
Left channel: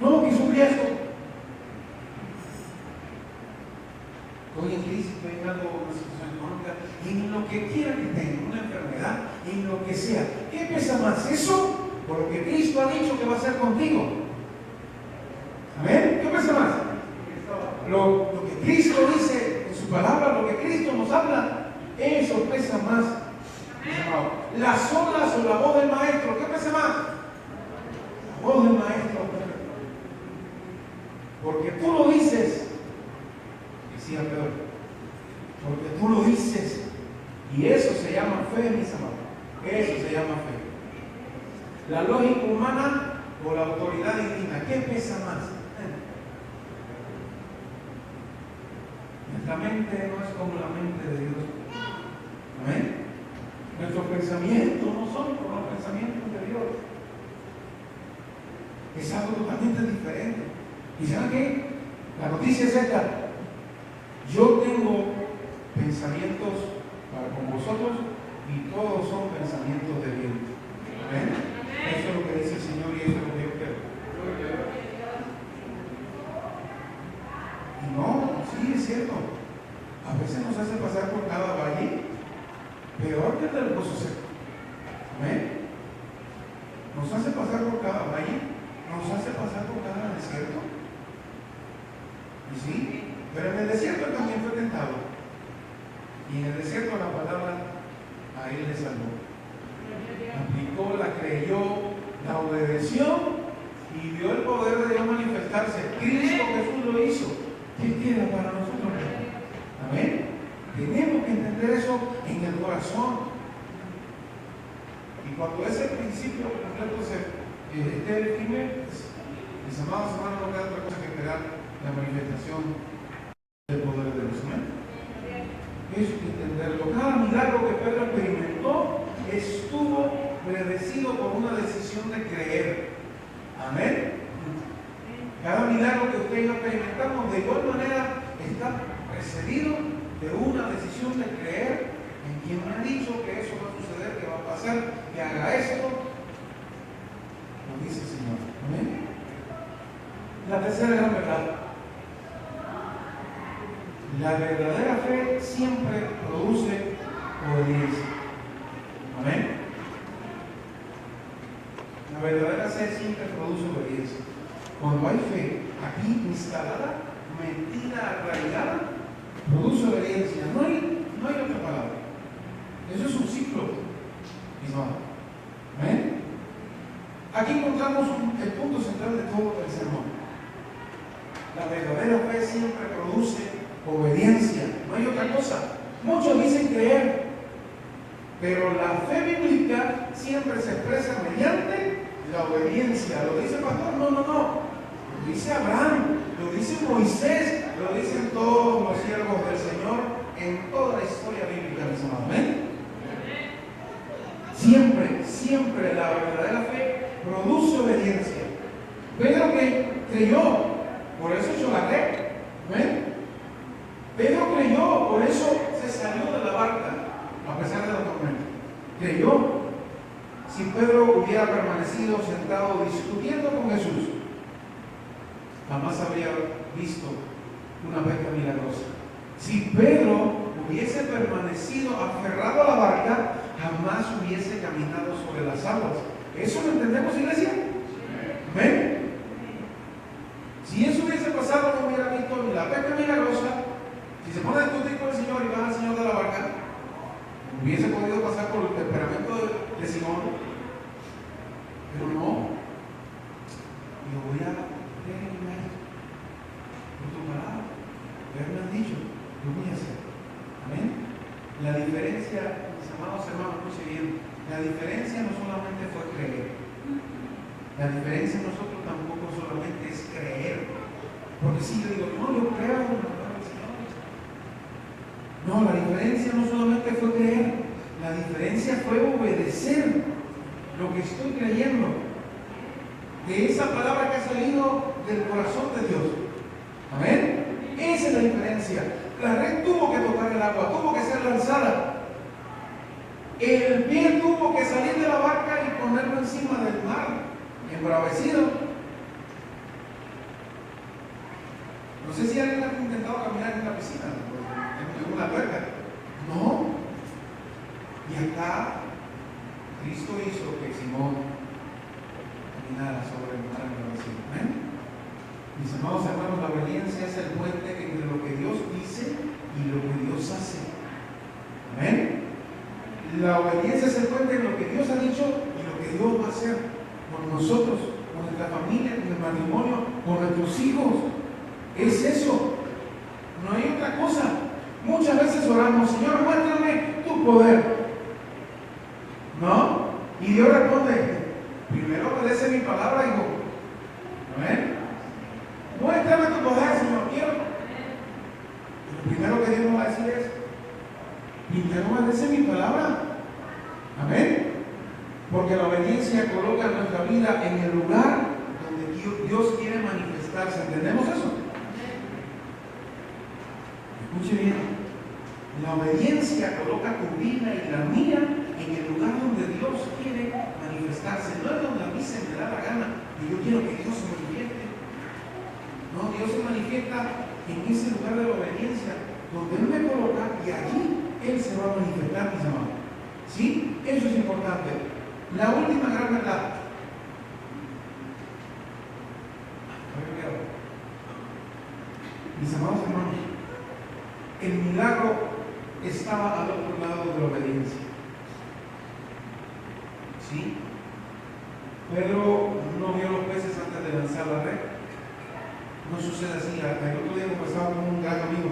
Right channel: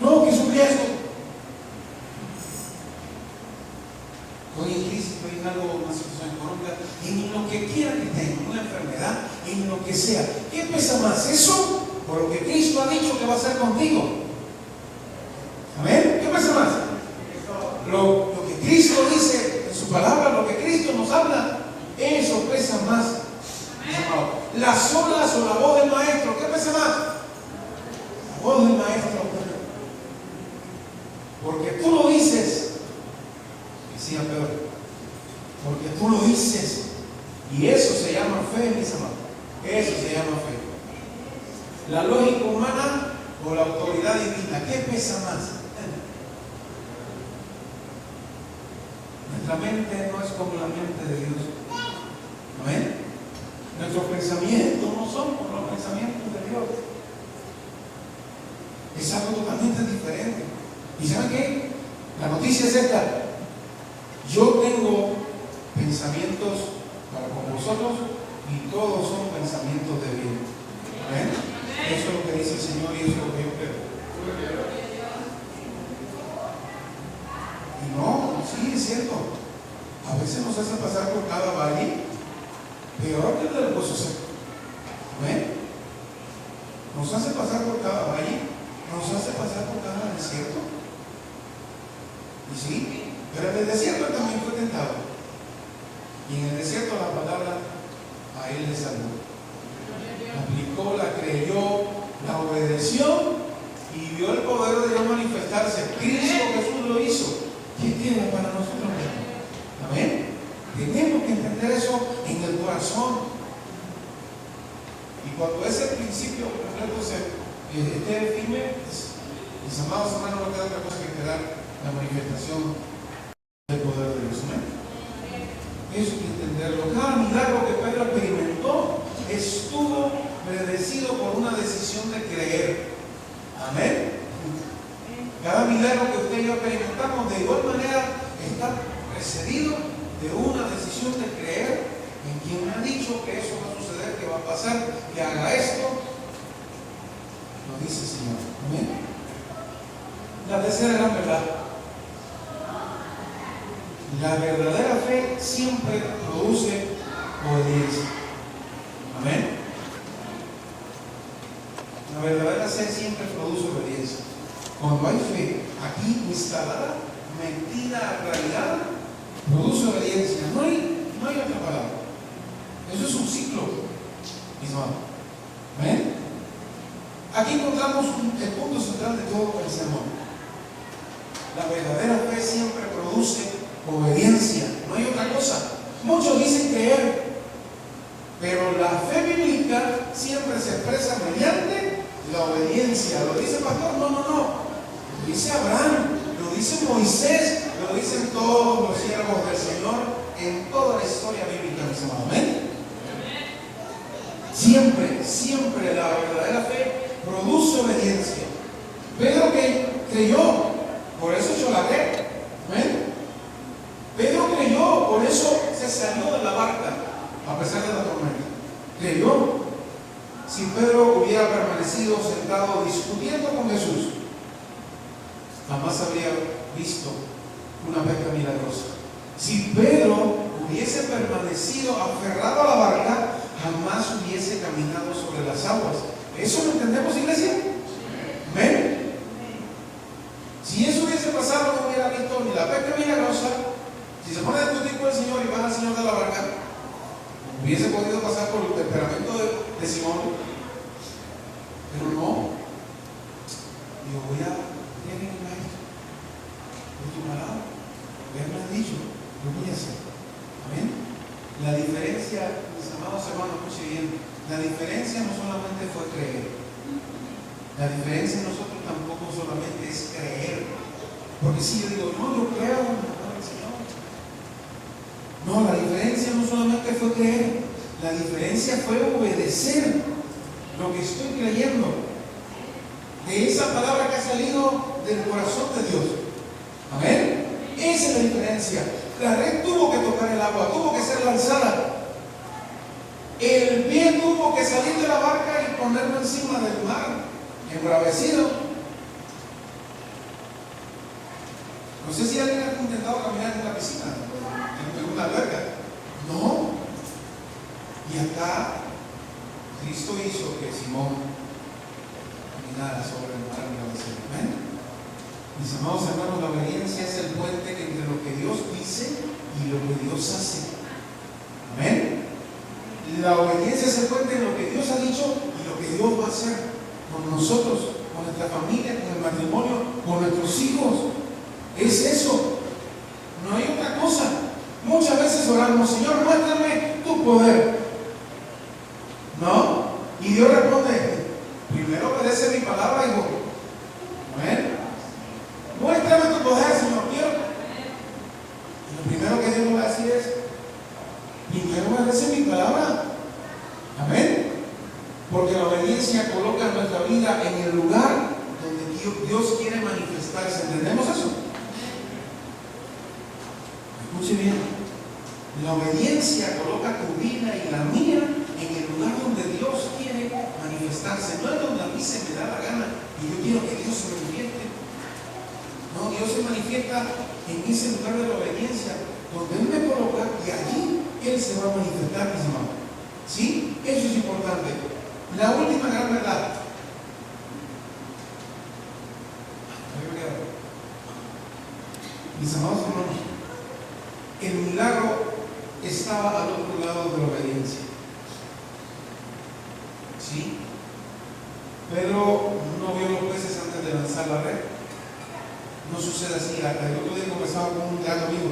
No, que es un riesgo. Estoy en crisis, estoy en algo, una situación económica, en lo que quiera que tenga, una enfermedad, en lo que sea. ¿Qué pesa más? ¿Eso? O lo que Cristo ha dicho que va a hacer contigo. ¿Amén? ¿Qué pesa más? Lo que Cristo dice en su palabra, lo que Cristo nos habla, eso pesa más. Las olas o la voz del maestro, ¿qué pesa más? La voz del maestro. Porque tú lo dices, decía Pedro, porque tú lo dices, y eso se llama fe, mis amados. Eso se llama fe. La lógica humana o la autoridad divina, ¿qué pesa más? Nuestra mente no es como la mente de Dios. ¿Amén? Nuestros pensamientos no son como los pensamientos de Dios. Es algo totalmente diferente. ¿Y saben qué? La noticia es esta. Yo tengo pensamientos pensamientos para con vosotros y todos son pensamientos de bien. ¿Amén? Eso es lo que dice el Señor y eso es lo que yo creo. Y no, sí, es cierto. A veces nos hace pasar por cada valle, peor que el del Pozo Seco. ¿Amén? Nos hace pasar por cada valle, nos hace pasar por cada desierto. Y sí, pero en el desierto él también fue tentado. Y en el desierto la palabra a él le salvó. La aplicó, la creyó, la obedeció y vio el poder de Dios manifestarse. Cristo Jesús lo hizo. ¿Qué tiene para nosotros? Amén. Tenemos que entender eso en el corazón. Y cuando ese principio completo esté firme, pues, mis amados hermanos, no queda otra cosa que quedar la manifestación del poder de Dios. ¿Amén? Eso hay que entenderlo. Cada milagro que Pedro experimentó estuvo predecido por una decisión de creer. Amén. Cada milagro que usted y yo experimentamos de igual manera está precedido de una decisión de creer en quien me ha dicho que eso va a suceder, que va a pasar, que haga esto. Lo dice el Señor. Amén. La tercera gran verdad. La verdadera fe siempre produce obediencia. Amén. La verdadera fe siempre produce obediencia. Cuando hay fe aquí instalada, metida, arraigada, produce obediencia. No hay otra palabra. Eso es un ciclo, mis hermanos. ¿Amén? Aquí encontramos el punto central de todo el sermón. La verdadera fe siempre produce obediencia. No hay otra cosa. Muchos dicen creer, pero la fe bíblica siempre se expresa mediante la obediencia. ¿Lo dice el pastor? No. Lo dice Abraham, lo dice Moisés, lo dicen todos los siervos del Señor en toda la historia bíblica, mis hermanos. ¿Amén? Siempre la verdadera fe produce obediencia. Pedro que creyó, por eso echó la red. ¿Amén? Pedro creyó, por eso se salió de la barca, a pesar de la tormenta. Creyó. Si Pedro hubiera permanecido sentado discutiendo con Jesús, jamás habría visto una pesca milagrosa. Si Pedro hubiese permanecido aferrado a la barca, jamás hubiese caminado sobre las aguas. ¿Eso lo entendemos, iglesia? ¿Amén? Si eso hubiese pasado, no hubiera visto ni la pesca milagrosa. Si se pone a discutir con el Señor y van al Señor de la barca, hubiese podido pasar por el temperamento de Simón. Pero no. Yo voy a tener tu palabra. Ya me han dicho, lo voy a hacer. Amén. La diferencia, mis amados hermanos, escuchen bien. La diferencia no solamente fue creer. La diferencia en nosotros tampoco solamente es creer. Porque si yo digo, no, yo creo en la palabra del Señor. No, la diferencia no solamente fue creer. La diferencia fue obedecer lo que estoy creyendo. De esa palabra que ha salido del corazón de Dios. Amén. Esa es la diferencia. La red tuvo que tocar el agua, tuvo que ser lanzada. El pie tuvo que salir de la barca y ponerlo encima del mar, embravecido. No sé si alguien ha intentado caminar en la piscina, en una alberca. No. Y acá Cristo hizo que Simón caminara sobre el mar embravecido. ¿Amén? Mis amados hermanos, la obediencia es el puente entre lo que Dios dice y lo que Dios hace. Amén. La obediencia es el puente entre lo que Dios ha dicho y lo que Dios va a hacer con nosotros, con nuestra familia, con el matrimonio, con nuestros hijos. Es eso. No hay otra cosa. Muchas veces oramos, Señor, muéstrame tu poder. ¿No? Y Dios responde, primero obedece mi palabra, hijo. Amén. Muéstrame tu poder, Señor, quiero. Y lo primero que Dios nos va a decir es, primero obedece mi palabra. Amén. Porque la obediencia coloca nuestra vida en el lugar donde Dios quiere manifestarse. ¿Entendemos eso? Escuche bien. La obediencia coloca tu vida y la mía en el lugar donde Dios quiere manifestarse. No es donde a mí se me da la gana y yo quiero que Dios se manifieste. No, Dios se manifiesta en ese lugar de la obediencia, donde Él me coloca y allí Él se va a manifestar, mis hermanos. ¿Sí? Eso es importante. La última gran verdad. Mis amados hermanos, el milagro estaba al otro lado de la obediencia. ¿Sí? Pedro no vio los peces antes de lanzar la red. No sucede así. Hasta el otro día conversaba con un gran amigo.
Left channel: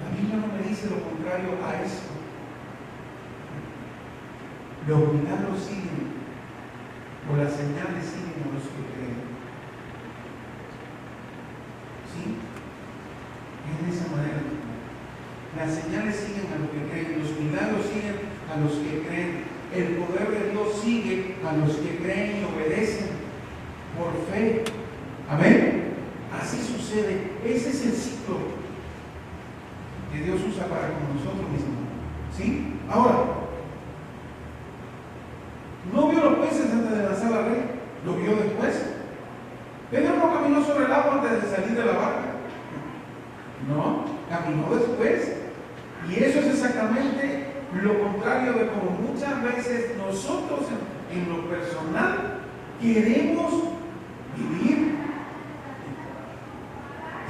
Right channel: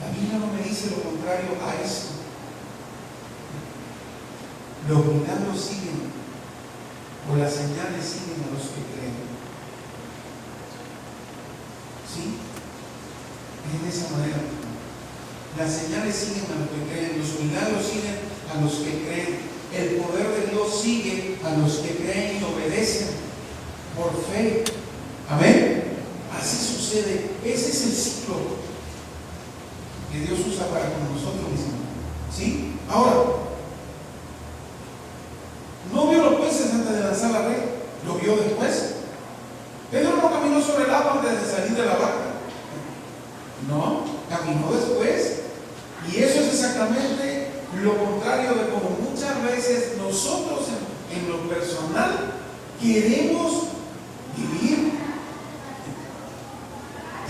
La Biblia no me dice lo contrario a eso. Los milagros siguen, o las señales siguen a los que creen. ¿Sí? Es de esa manera. Las señales siguen a los que creen, los milagros siguen a los que creen, el poder de Dios sigue a los que creen y obedecen por fe. Amén. Así sucede. Ese es el ciclo que Dios usa para con nosotros mismos. ¿Sí? Ahora, no vio los peces antes de lanzar la red, lo vio después. Pedro no caminó sobre el agua antes de salir de la barca. No, caminó después. Y eso es exactamente lo contrario de como muchas veces nosotros en lo personal queremos vivir.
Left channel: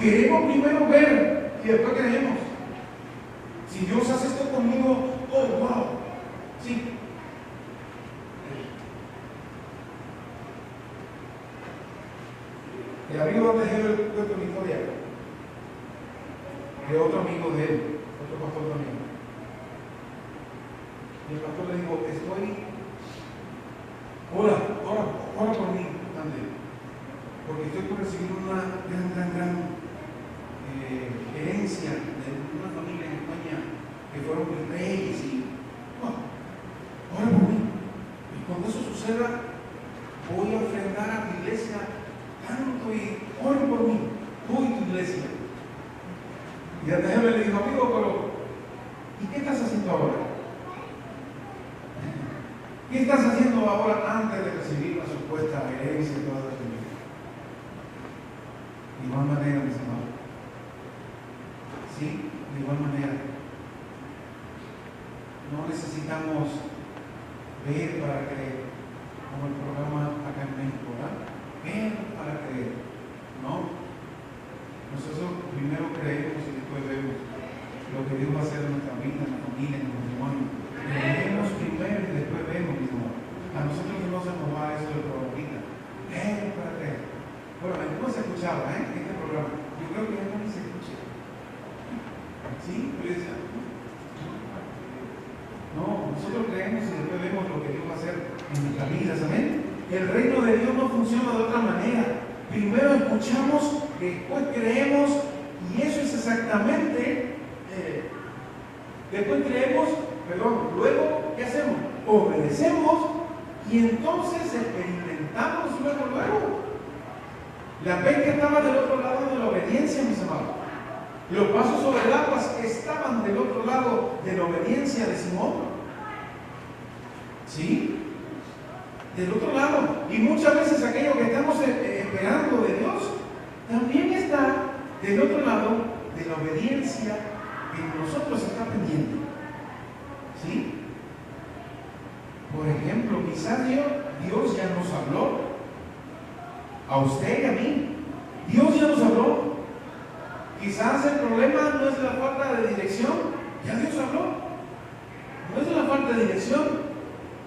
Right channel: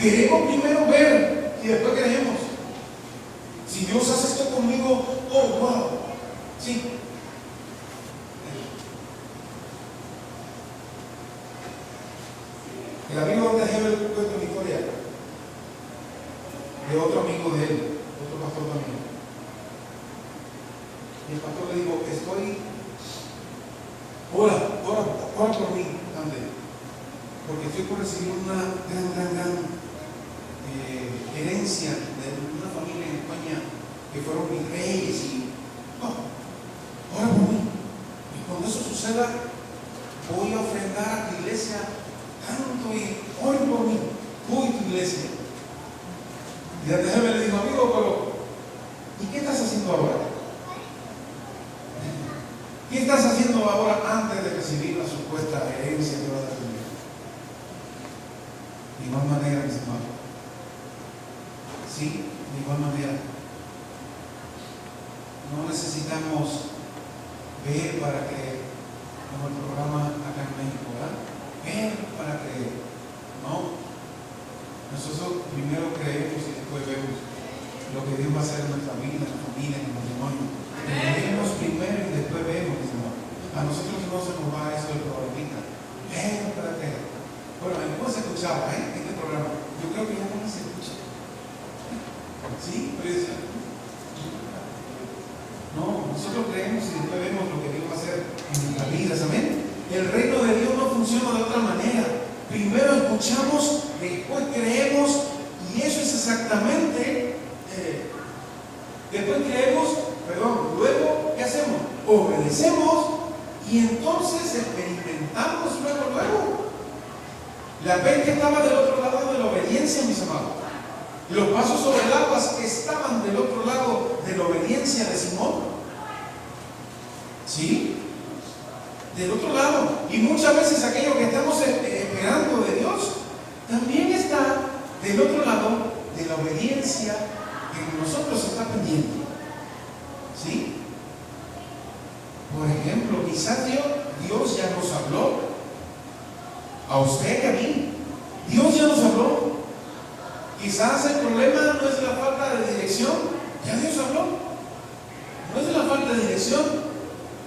Queremos primero ver y después creemos. Si Dios hace esto conmigo, oh wow, sí. El amigo donde dejé el cuento de mi historia de otro amigo de él, otro pastor también. Y el pastor le dijo, ora por mí, ande, porque estoy por recibir una gran herencia de una familia en España que fueron mis reyes y ora por mí. Y cuando eso suceda, voy a ofrendar a tu iglesia tanto y oren por mí, tú y tu iglesia. Y antes de le dijo, amigo, pero ¿y qué estás haciendo ahora? ¿Qué estás haciendo ahora antes de recibir la supuesta herencia que vas a tener? De igual manera, mis hermanos. Sí, de igual manera. No necesitamos ver para creer, como el programa acá en México, ¿verdad? Ver para creer. No. Nosotros primero creemos y después vemos lo que Dios va a hacer en nuestra vida, en la familia, en el matrimonio. Creemos primero y después vemos, mis hermanos. A nosotros no se nos va eso de ahorita. Ver para creer. Bueno, ¿cómo se escuchaba este programa? Yo creo que ya no se escucha. ¿Sí? No, nosotros creemos y después vemos lo que Dios va a hacer en nuestras vidas. Amén. El reino de Dios no funciona de otra manera. Primero escuchamos, después creemos, y eso es exactamente. Luego, ¿qué hacemos? Obedecemos y entonces experimentamos luego. La pesca estaba del otro lado de la obediencia, mis amados. Los pasos sobre el agua estaban del otro lado de la obediencia de Simón. ¿Sí? Del otro lado. Y muchas veces aquello que estamos esperando de Dios también está del otro lado de la obediencia que en nosotros está pendiente. ¿Sí? Por ejemplo, quizás Dios ya nos habló. A usted y a mí. Dios ya nos habló. Quizás el problema no es la falta de dirección. Ya Dios habló. No es la falta de dirección.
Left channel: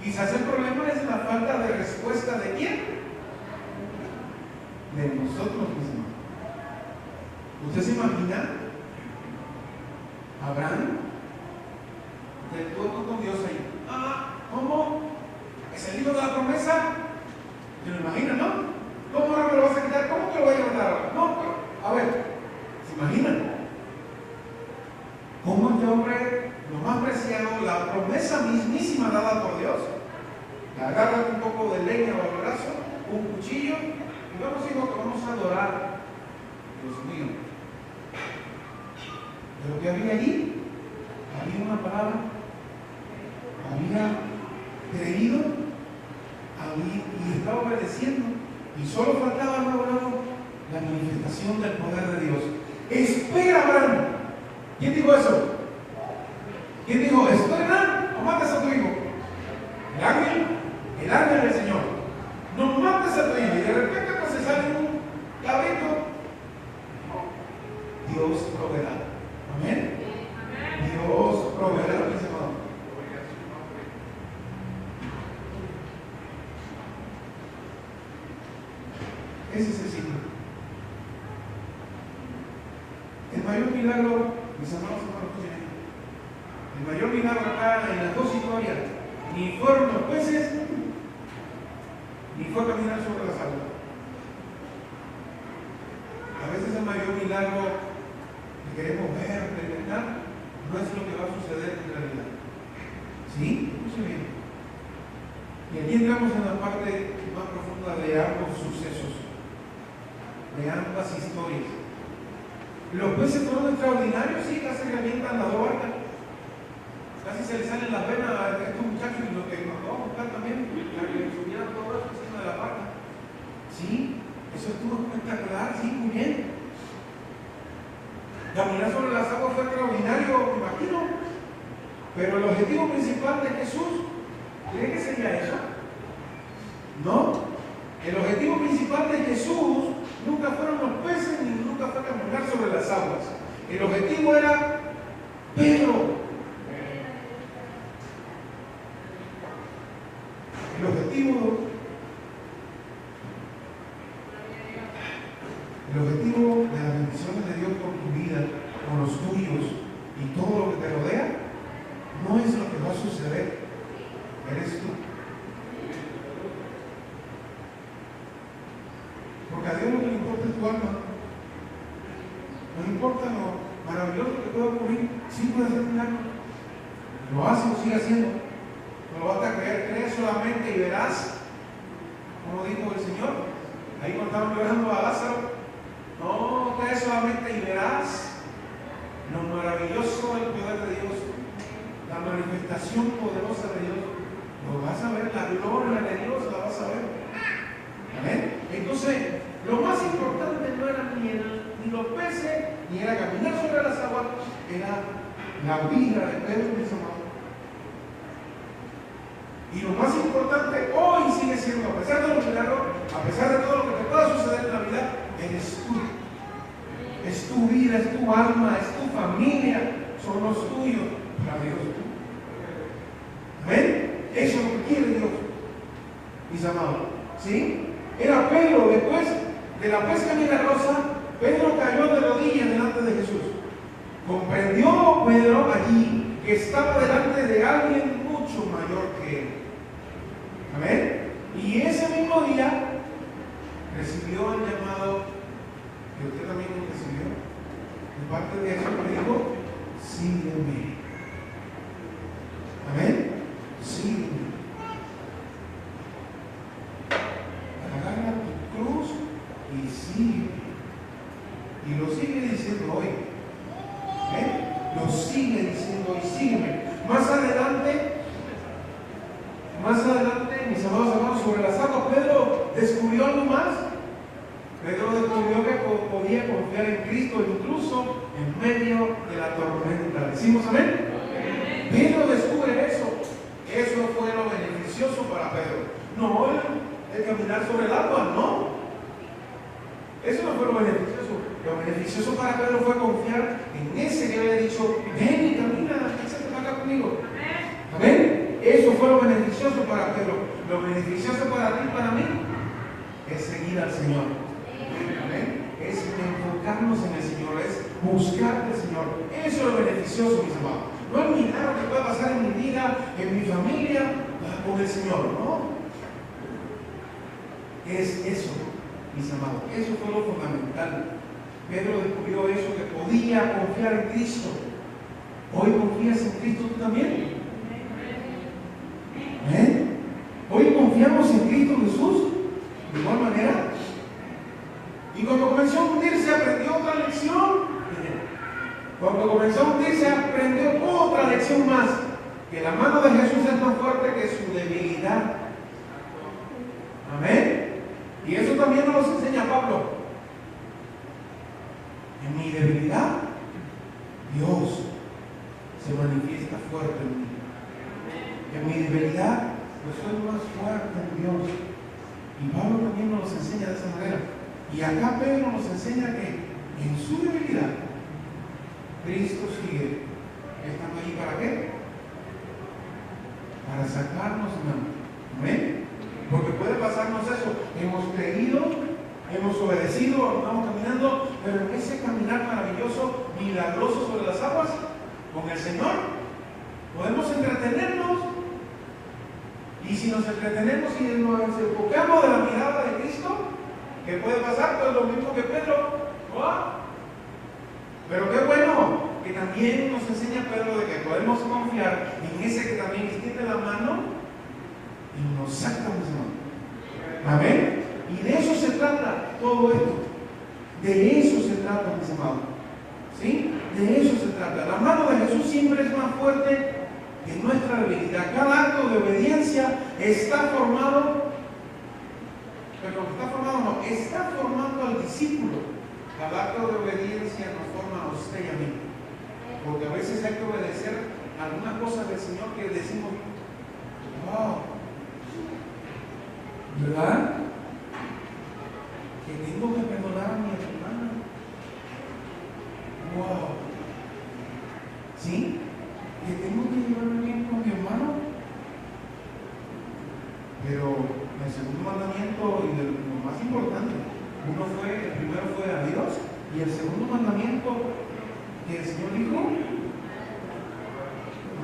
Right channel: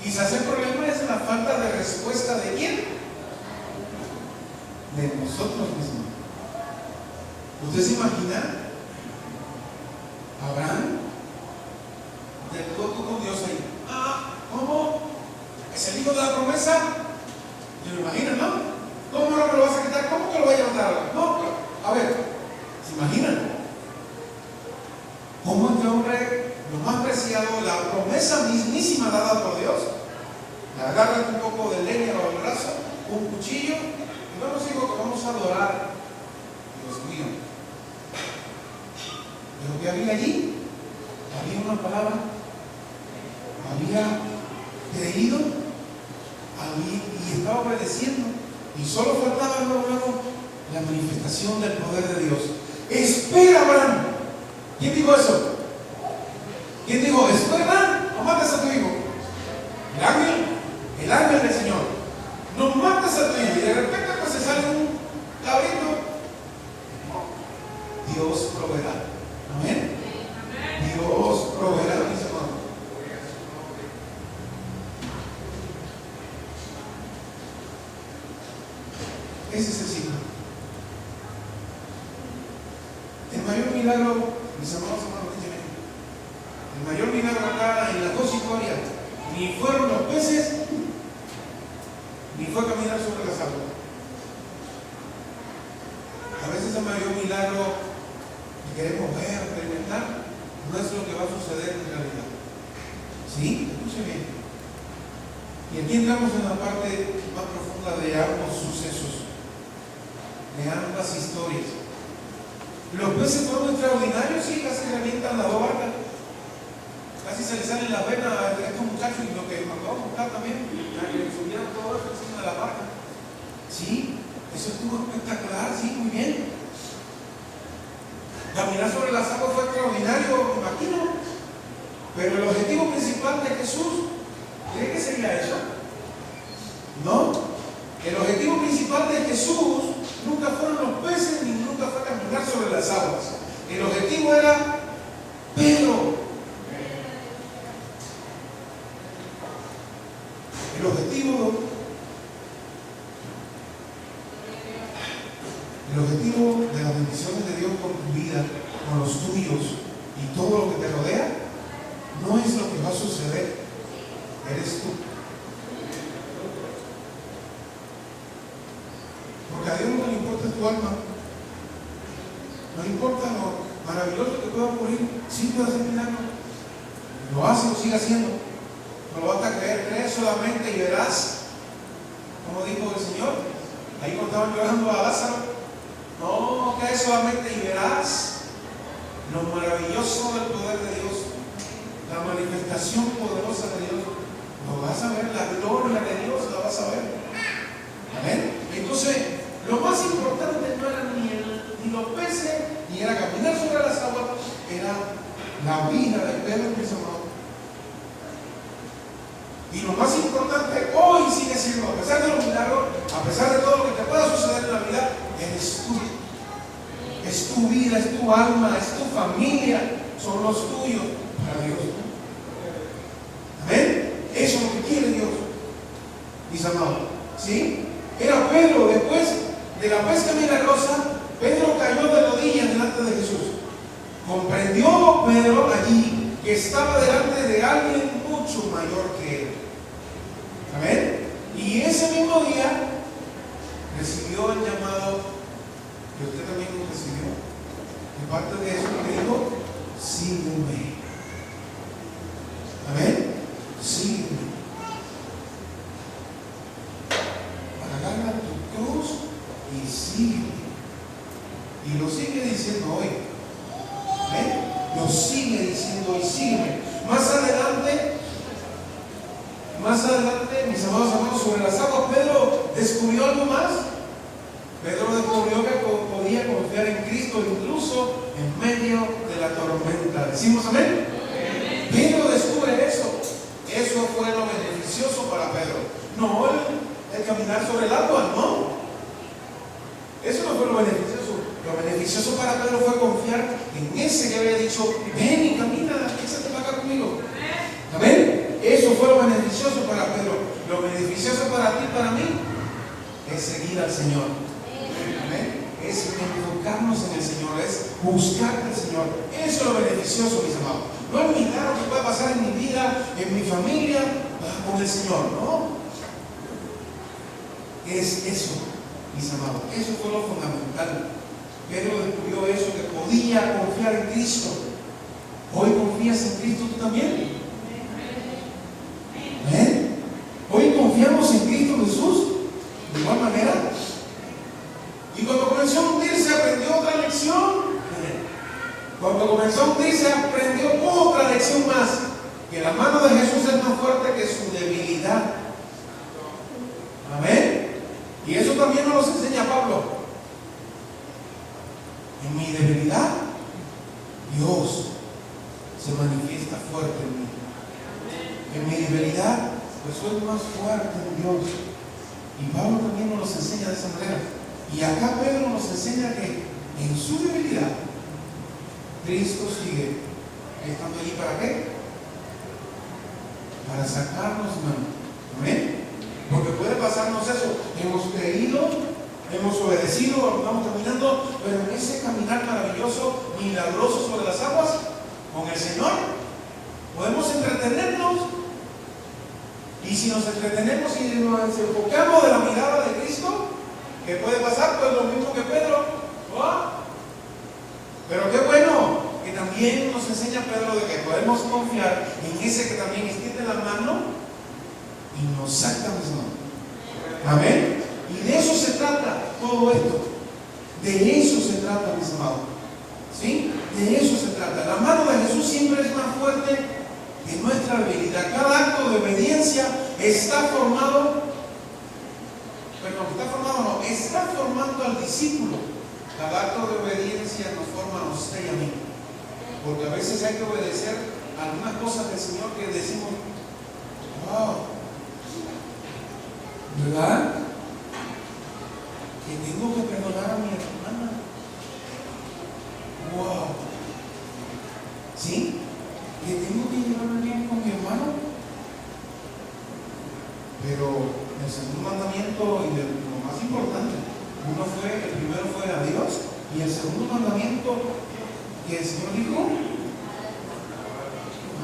Quizás el problema es la falta de respuesta de ¿quién? De nosotros mismos. ¿Usted se imagina? Abraham tú con Dios ahí. ¿Cómo? ¿Es el hijo de la promesa? ¿Te lo imaginas, no? ¿Cómo ahora me lo vas a quitar? ¿Cómo te lo vas a levantar? No, pero, a ver, ¿se imaginan? ¿Cómo este hombre, lo más preciado, la promesa mismísima dada por Dios, le agarra un poco de leña bajo el brazo, un cuchillo, y vamos, hijo, que vamos a adorar? Dios mío. Pero ¿qué había allí? Había una palabra, había creído y estaba obedeciendo. Y solo faltaba luego la manifestación del poder de Dios. Espera, Abraham. ¿Quién dijo eso? ¿Quién dijo, espera, no mates a tu hijo? El ángel del Señor. No mates a tu hijo. Y de repente pues se sale un cabrito. Dios proveerá. Amén. Dios proveerá, mis hermanos. Ese es el signo. El mayor milagro, mis hermanos, el mayor milagro acá en las dos historias, ni fueron los peces, ni fue caminar sobre las aguas. A veces el mayor milagro que queremos ver, experimentar, no es lo que va a suceder en realidad. ¿Sí? Escuche bien. Y aquí entramos en la parte más profunda de ambos sucesos, de ambas historias. Los peces fueron extraordinarios, sí, casi revientan las dos barcas. Casi se les salen las venas a estos muchachos y lo que nos acabo de buscar también, que subieran todo eso encima de la barca. Sí, eso estuvo espectacular, sí, muy bien. Caminar sobre las aguas fue extraordinario, me imagino. Pero el objetivo principal de Jesús, ¿cree que sería eso? No. El objetivo principal de Jesús nunca fueron los peces ni nunca fue caminar sobre las aguas. El objetivo era Pedro. El objetivo de las bendiciones de Dios por tu vida, con los tuyos y todo lo que te rodea, no es lo que va a suceder, eres tú. Porque a Dios no le importa tu alma, no le importa lo maravilloso que pueda ocurrir, sí puede hacer milagros, lo hace, lo sigue haciendo, no lo vas a creer, cree solamente y verás, como dijo el Señor, ahí cuando estaban llorando a Lázaro, no, cree solamente y verás lo maravilloso del poder de Dios, la manifestación poderosa de Dios, lo vas a ver, la gloria de Dios la vas a ver. Amén. Entonces, lo más importante no era ni los peces, ni era caminar sobre las aguas, era la vida de Pedro, mis amados. Y lo más importante hoy sigue siendo, a pesar de los milagros, a pesar de todo lo que te pueda suceder en la vida, eres tú. Es tu vida, es tu alma, es tu familia, son los tuyos para Dios. Amén. Eso es lo que quiere Dios, mis amados. ¿Sí? Era Pedro, después de la pesca milagrosa, Pedro cayó de rodillas delante de Jesús. Comprendió Pedro allí que estaba delante de alguien mucho mayor que él. Amén. Y ese mismo día recibió el llamado que usted también recibió. Y parte de eso le dijo, sígueme. Amén. Sígueme. Agarra tu cruz y sígueme. Y lo sigue diciendo hoy. Amén. Lo sigue diciendo hoy, sígueme. Más adelante, mis amados hermanos, sobre las aguas, Pedro descubrió algo más. Pedro descubrió que podía confiar en Cristo incluso en medio de la tormenta. ¿Decimos amén? Pedro descubre eso. Eso fue lo beneficioso para Pedro. No el caminar sobre el agua, no. Eso no fue lo beneficioso. Lo beneficioso para Pedro fue confiar en ese que había dicho, ven y camina, échate para acá conmigo. Amén. Eso fue lo beneficioso para Pedro. Lo beneficioso para ti y para mí es seguir al Señor. Amén. Es enfocarnos en el Señor, es buscar al Señor. Eso es lo beneficioso, mis amados. No es milagro que pueda pasar en mi vida, en mi familia, con el Señor, no. Es eso, mis amados. Eso fue lo fundamental. Pedro descubrió eso, que podía confiar en Cristo. ¿Hoy confías en Cristo tú también? ¿Eh? ¿Hoy confiamos en Cristo Jesús? De igual manera. Y cuando comenzó a hundirse, aprendió otra lección. Cuando comenzó a hundirse, aprendió otra lección más, que la mano de Jesús es más fuerte que su debilidad. Amén. Y eso también nos lo enseña Pablo. En mi debilidad, Dios se manifiesta fuerte en mí. En mi debilidad, pues soy más fuerte en Dios. Y Pablo también nos enseña de esa manera. Y acá Pedro nos enseña que en su debilidad, Cristo sigue estando allí. ¿Para qué? Para sacarnos, hermano. Amén. Porque puede pasarnos eso. Hemos creído, hemos obedecido, vamos caminando, pero en ese caminar maravilloso, milagroso sobre las aguas, con el Señor, podemos entretenernos. Y si nos entretenemos y nos enfocamos de la mirada de Cristo, ¿qué puede pasar? Pues lo mismo que Pedro. ¿No? Pero qué bueno que también nos enseña Pedro de que podemos confiar en ese que también extiende la mano y nos saca de mano. Amén. Y de eso se trata todo esto. De eso se trata, mis amados. ¿Sí? De eso se trata. La mano de Jesús siempre es más fuerte que nuestra habilidad. Cada acto de obediencia está formando al discípulo. Cada acto de obediencia nos forma a usted y a mí. Porque a veces hay que obedecer algunas cosas del Señor que decimos, wow, ¿verdad? Que tengo que perdonar a mi hermana. Wow. ¿Sí? Que tengo que llevarme bien con mi hermano. Pero el segundo mandamiento y lo más importante, el primero fue a Dios, y el segundo mandamiento que el Señor dijo,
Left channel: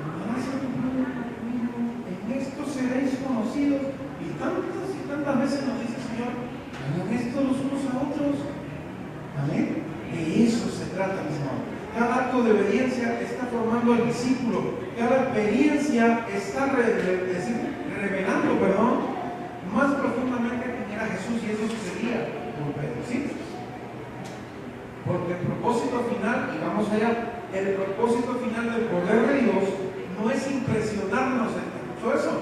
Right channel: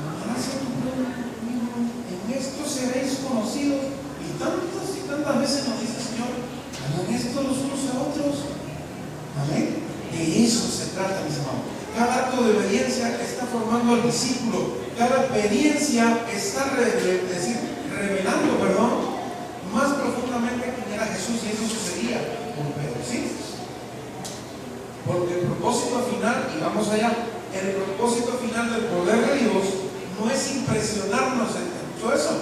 amarás a tu prójimo, en esto seréis conocidos. Y tantas veces nos dice el Señor, hagan esto los unos a otros. Amén. De eso se trata, mis hermanos. Cada acto de obediencia está formando al discípulo. Cada experiencia está revelando, más profundamente quién era Jesús, y eso sucedía con Pedro, ¿sí? Porque el propósito final, y vamos allá, el propósito final del poder de Dios no es impresionarnos. ¿Escuchó eso?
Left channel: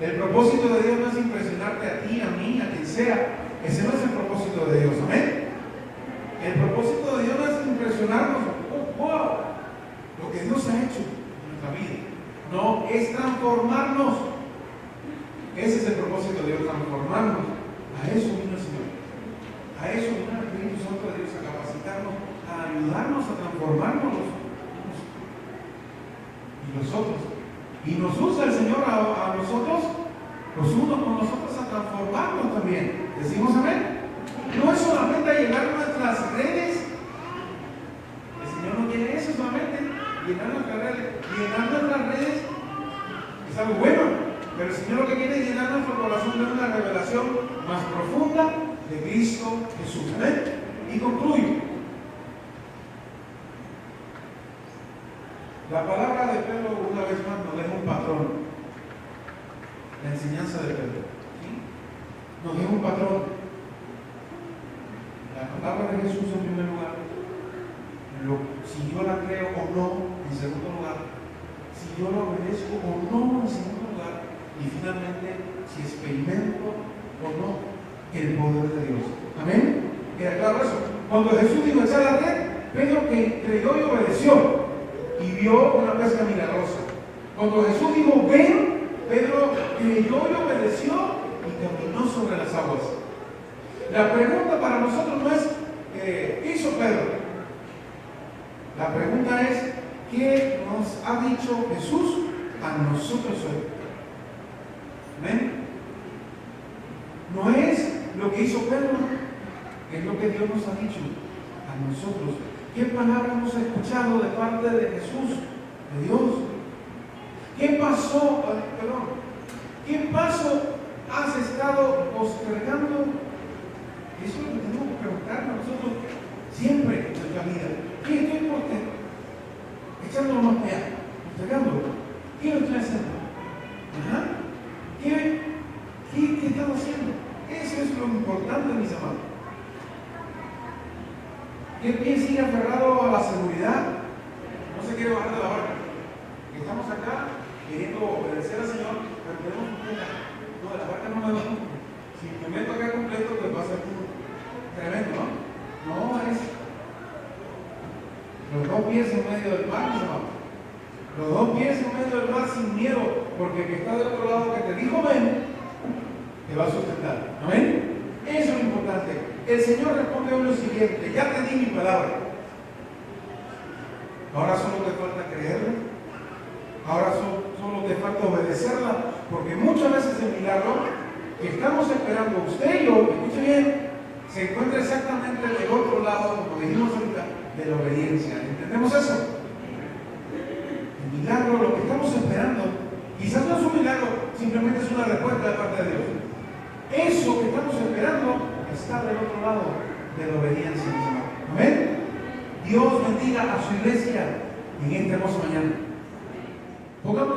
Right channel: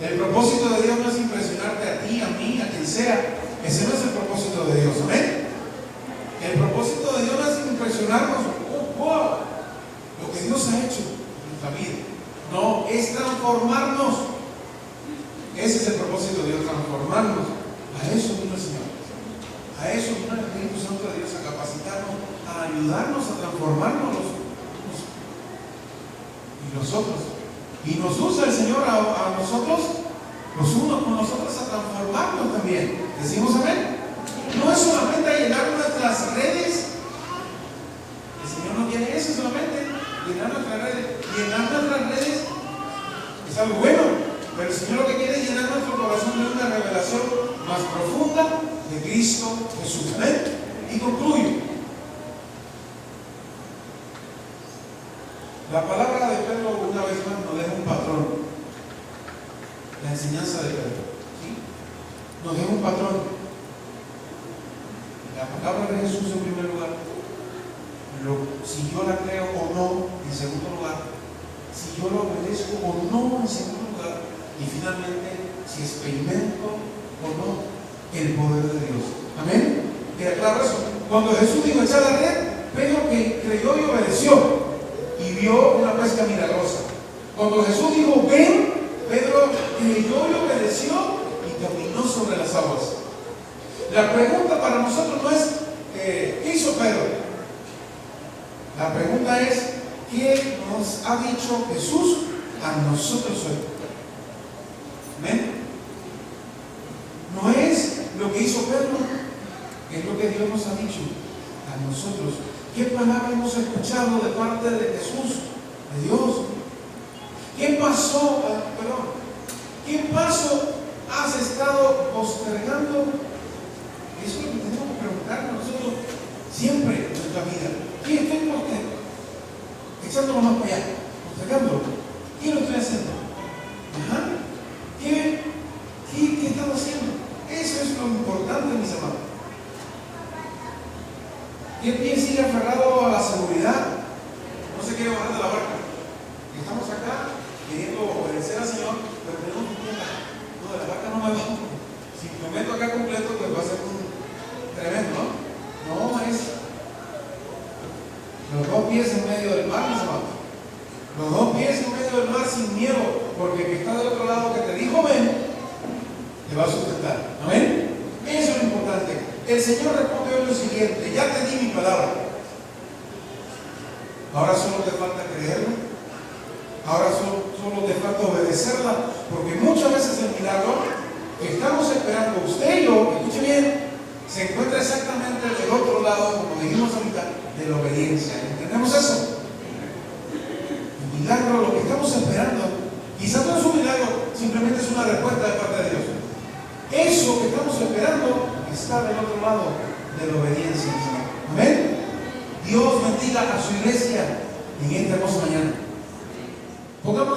El propósito de Dios no es impresionarte a ti, a mí, a quien sea. Ese no es el propósito de Dios, ¿amén? El propósito de Dios no es impresionarnos, wow, lo que Dios ha hecho en nuestra vida. No, es transformarnos. Ese es el propósito de Dios, transformarnos. A eso vino el Señor. A eso vino el Espíritu Santo de Dios, a capacitarnos, a ayudarnos a transformarnos y nosotros. Y nos usa el Señor a nosotros, los unos con nosotros, a transformarnos también. ¿Decimos amén? No es solamente a llenar nuestras redes. El Señor no quiere eso solamente, llenar nuestras redes. Llenar nuestras redes es algo bueno, pero el Señor lo que quiere es llenar nuestro corazón de una revelación más profunda de Cristo Jesús. ¿Amén? Y concluyo. La palabra de Pedro una vez más nos deja un patrón. La enseñanza de Pedro, ¿sí? Nos deja un patrón. La palabra de Jesús en primer lugar, si yo la creo o no en segundo lugar, si yo lo obedezco o no en segundo lugar, y finalmente si experimento o no el poder de Dios. Amén. ¿Queda claro eso? Cuando Jesús dijo echar la red, Pedro que creyó y obedeció y vio una pesca milagrosa. Cuando Jesús dijo ven, Pedro creyó y obedeció y caminó sobre las aguas. La pregunta para nosotros no es ¿qué hizo Pedro? La pregunta es ¿qué nos ha dicho Jesús a nosotros hoy? ¿Amén? No es lo que hizo Pedro, es lo que Dios nos ha dicho a nosotros. ¿Qué palabra hemos escuchado de parte de Jesús, de Dios? ¿Qué pasó? ¿Qué paso has estado postergando? Eso es lo que tenemos que preguntarnos nosotros siempre en nuestra vida. ¿Qué estoy postergando? Echándolo más para allá, postergándolo. ¿Qué lo estoy haciendo? ¿Ajá? ¿Qué estamos haciendo? Eso es lo importante, mis amados. ¿Quién sigue aferrado a la seguridad? pies en medio del mar, mis amados. Los 2 pies en medio del mar sin miedo, porque el que está del otro lado que te dijo ven, te va a sustentar. Amén. Eso es lo importante. El Señor responde hoy lo siguiente: ya te di mi palabra. Ahora solo te falta creerla. Ahora solo te falta obedecerla, porque muchas veces el milagro que estamos esperando, usted y yo, escuche bien, se encuentra exactamente del otro lado, como dijimos ahorita, de la obediencia. ¿Entendemos eso? El milagro, lo que estamos esperando, quizás no es un milagro, simplemente es una respuesta de parte de Dios. Eso que estamos esperando está del otro lado de la obediencia. Amén. Dios bendiga a su iglesia en esta hermosa mañana. Pongamos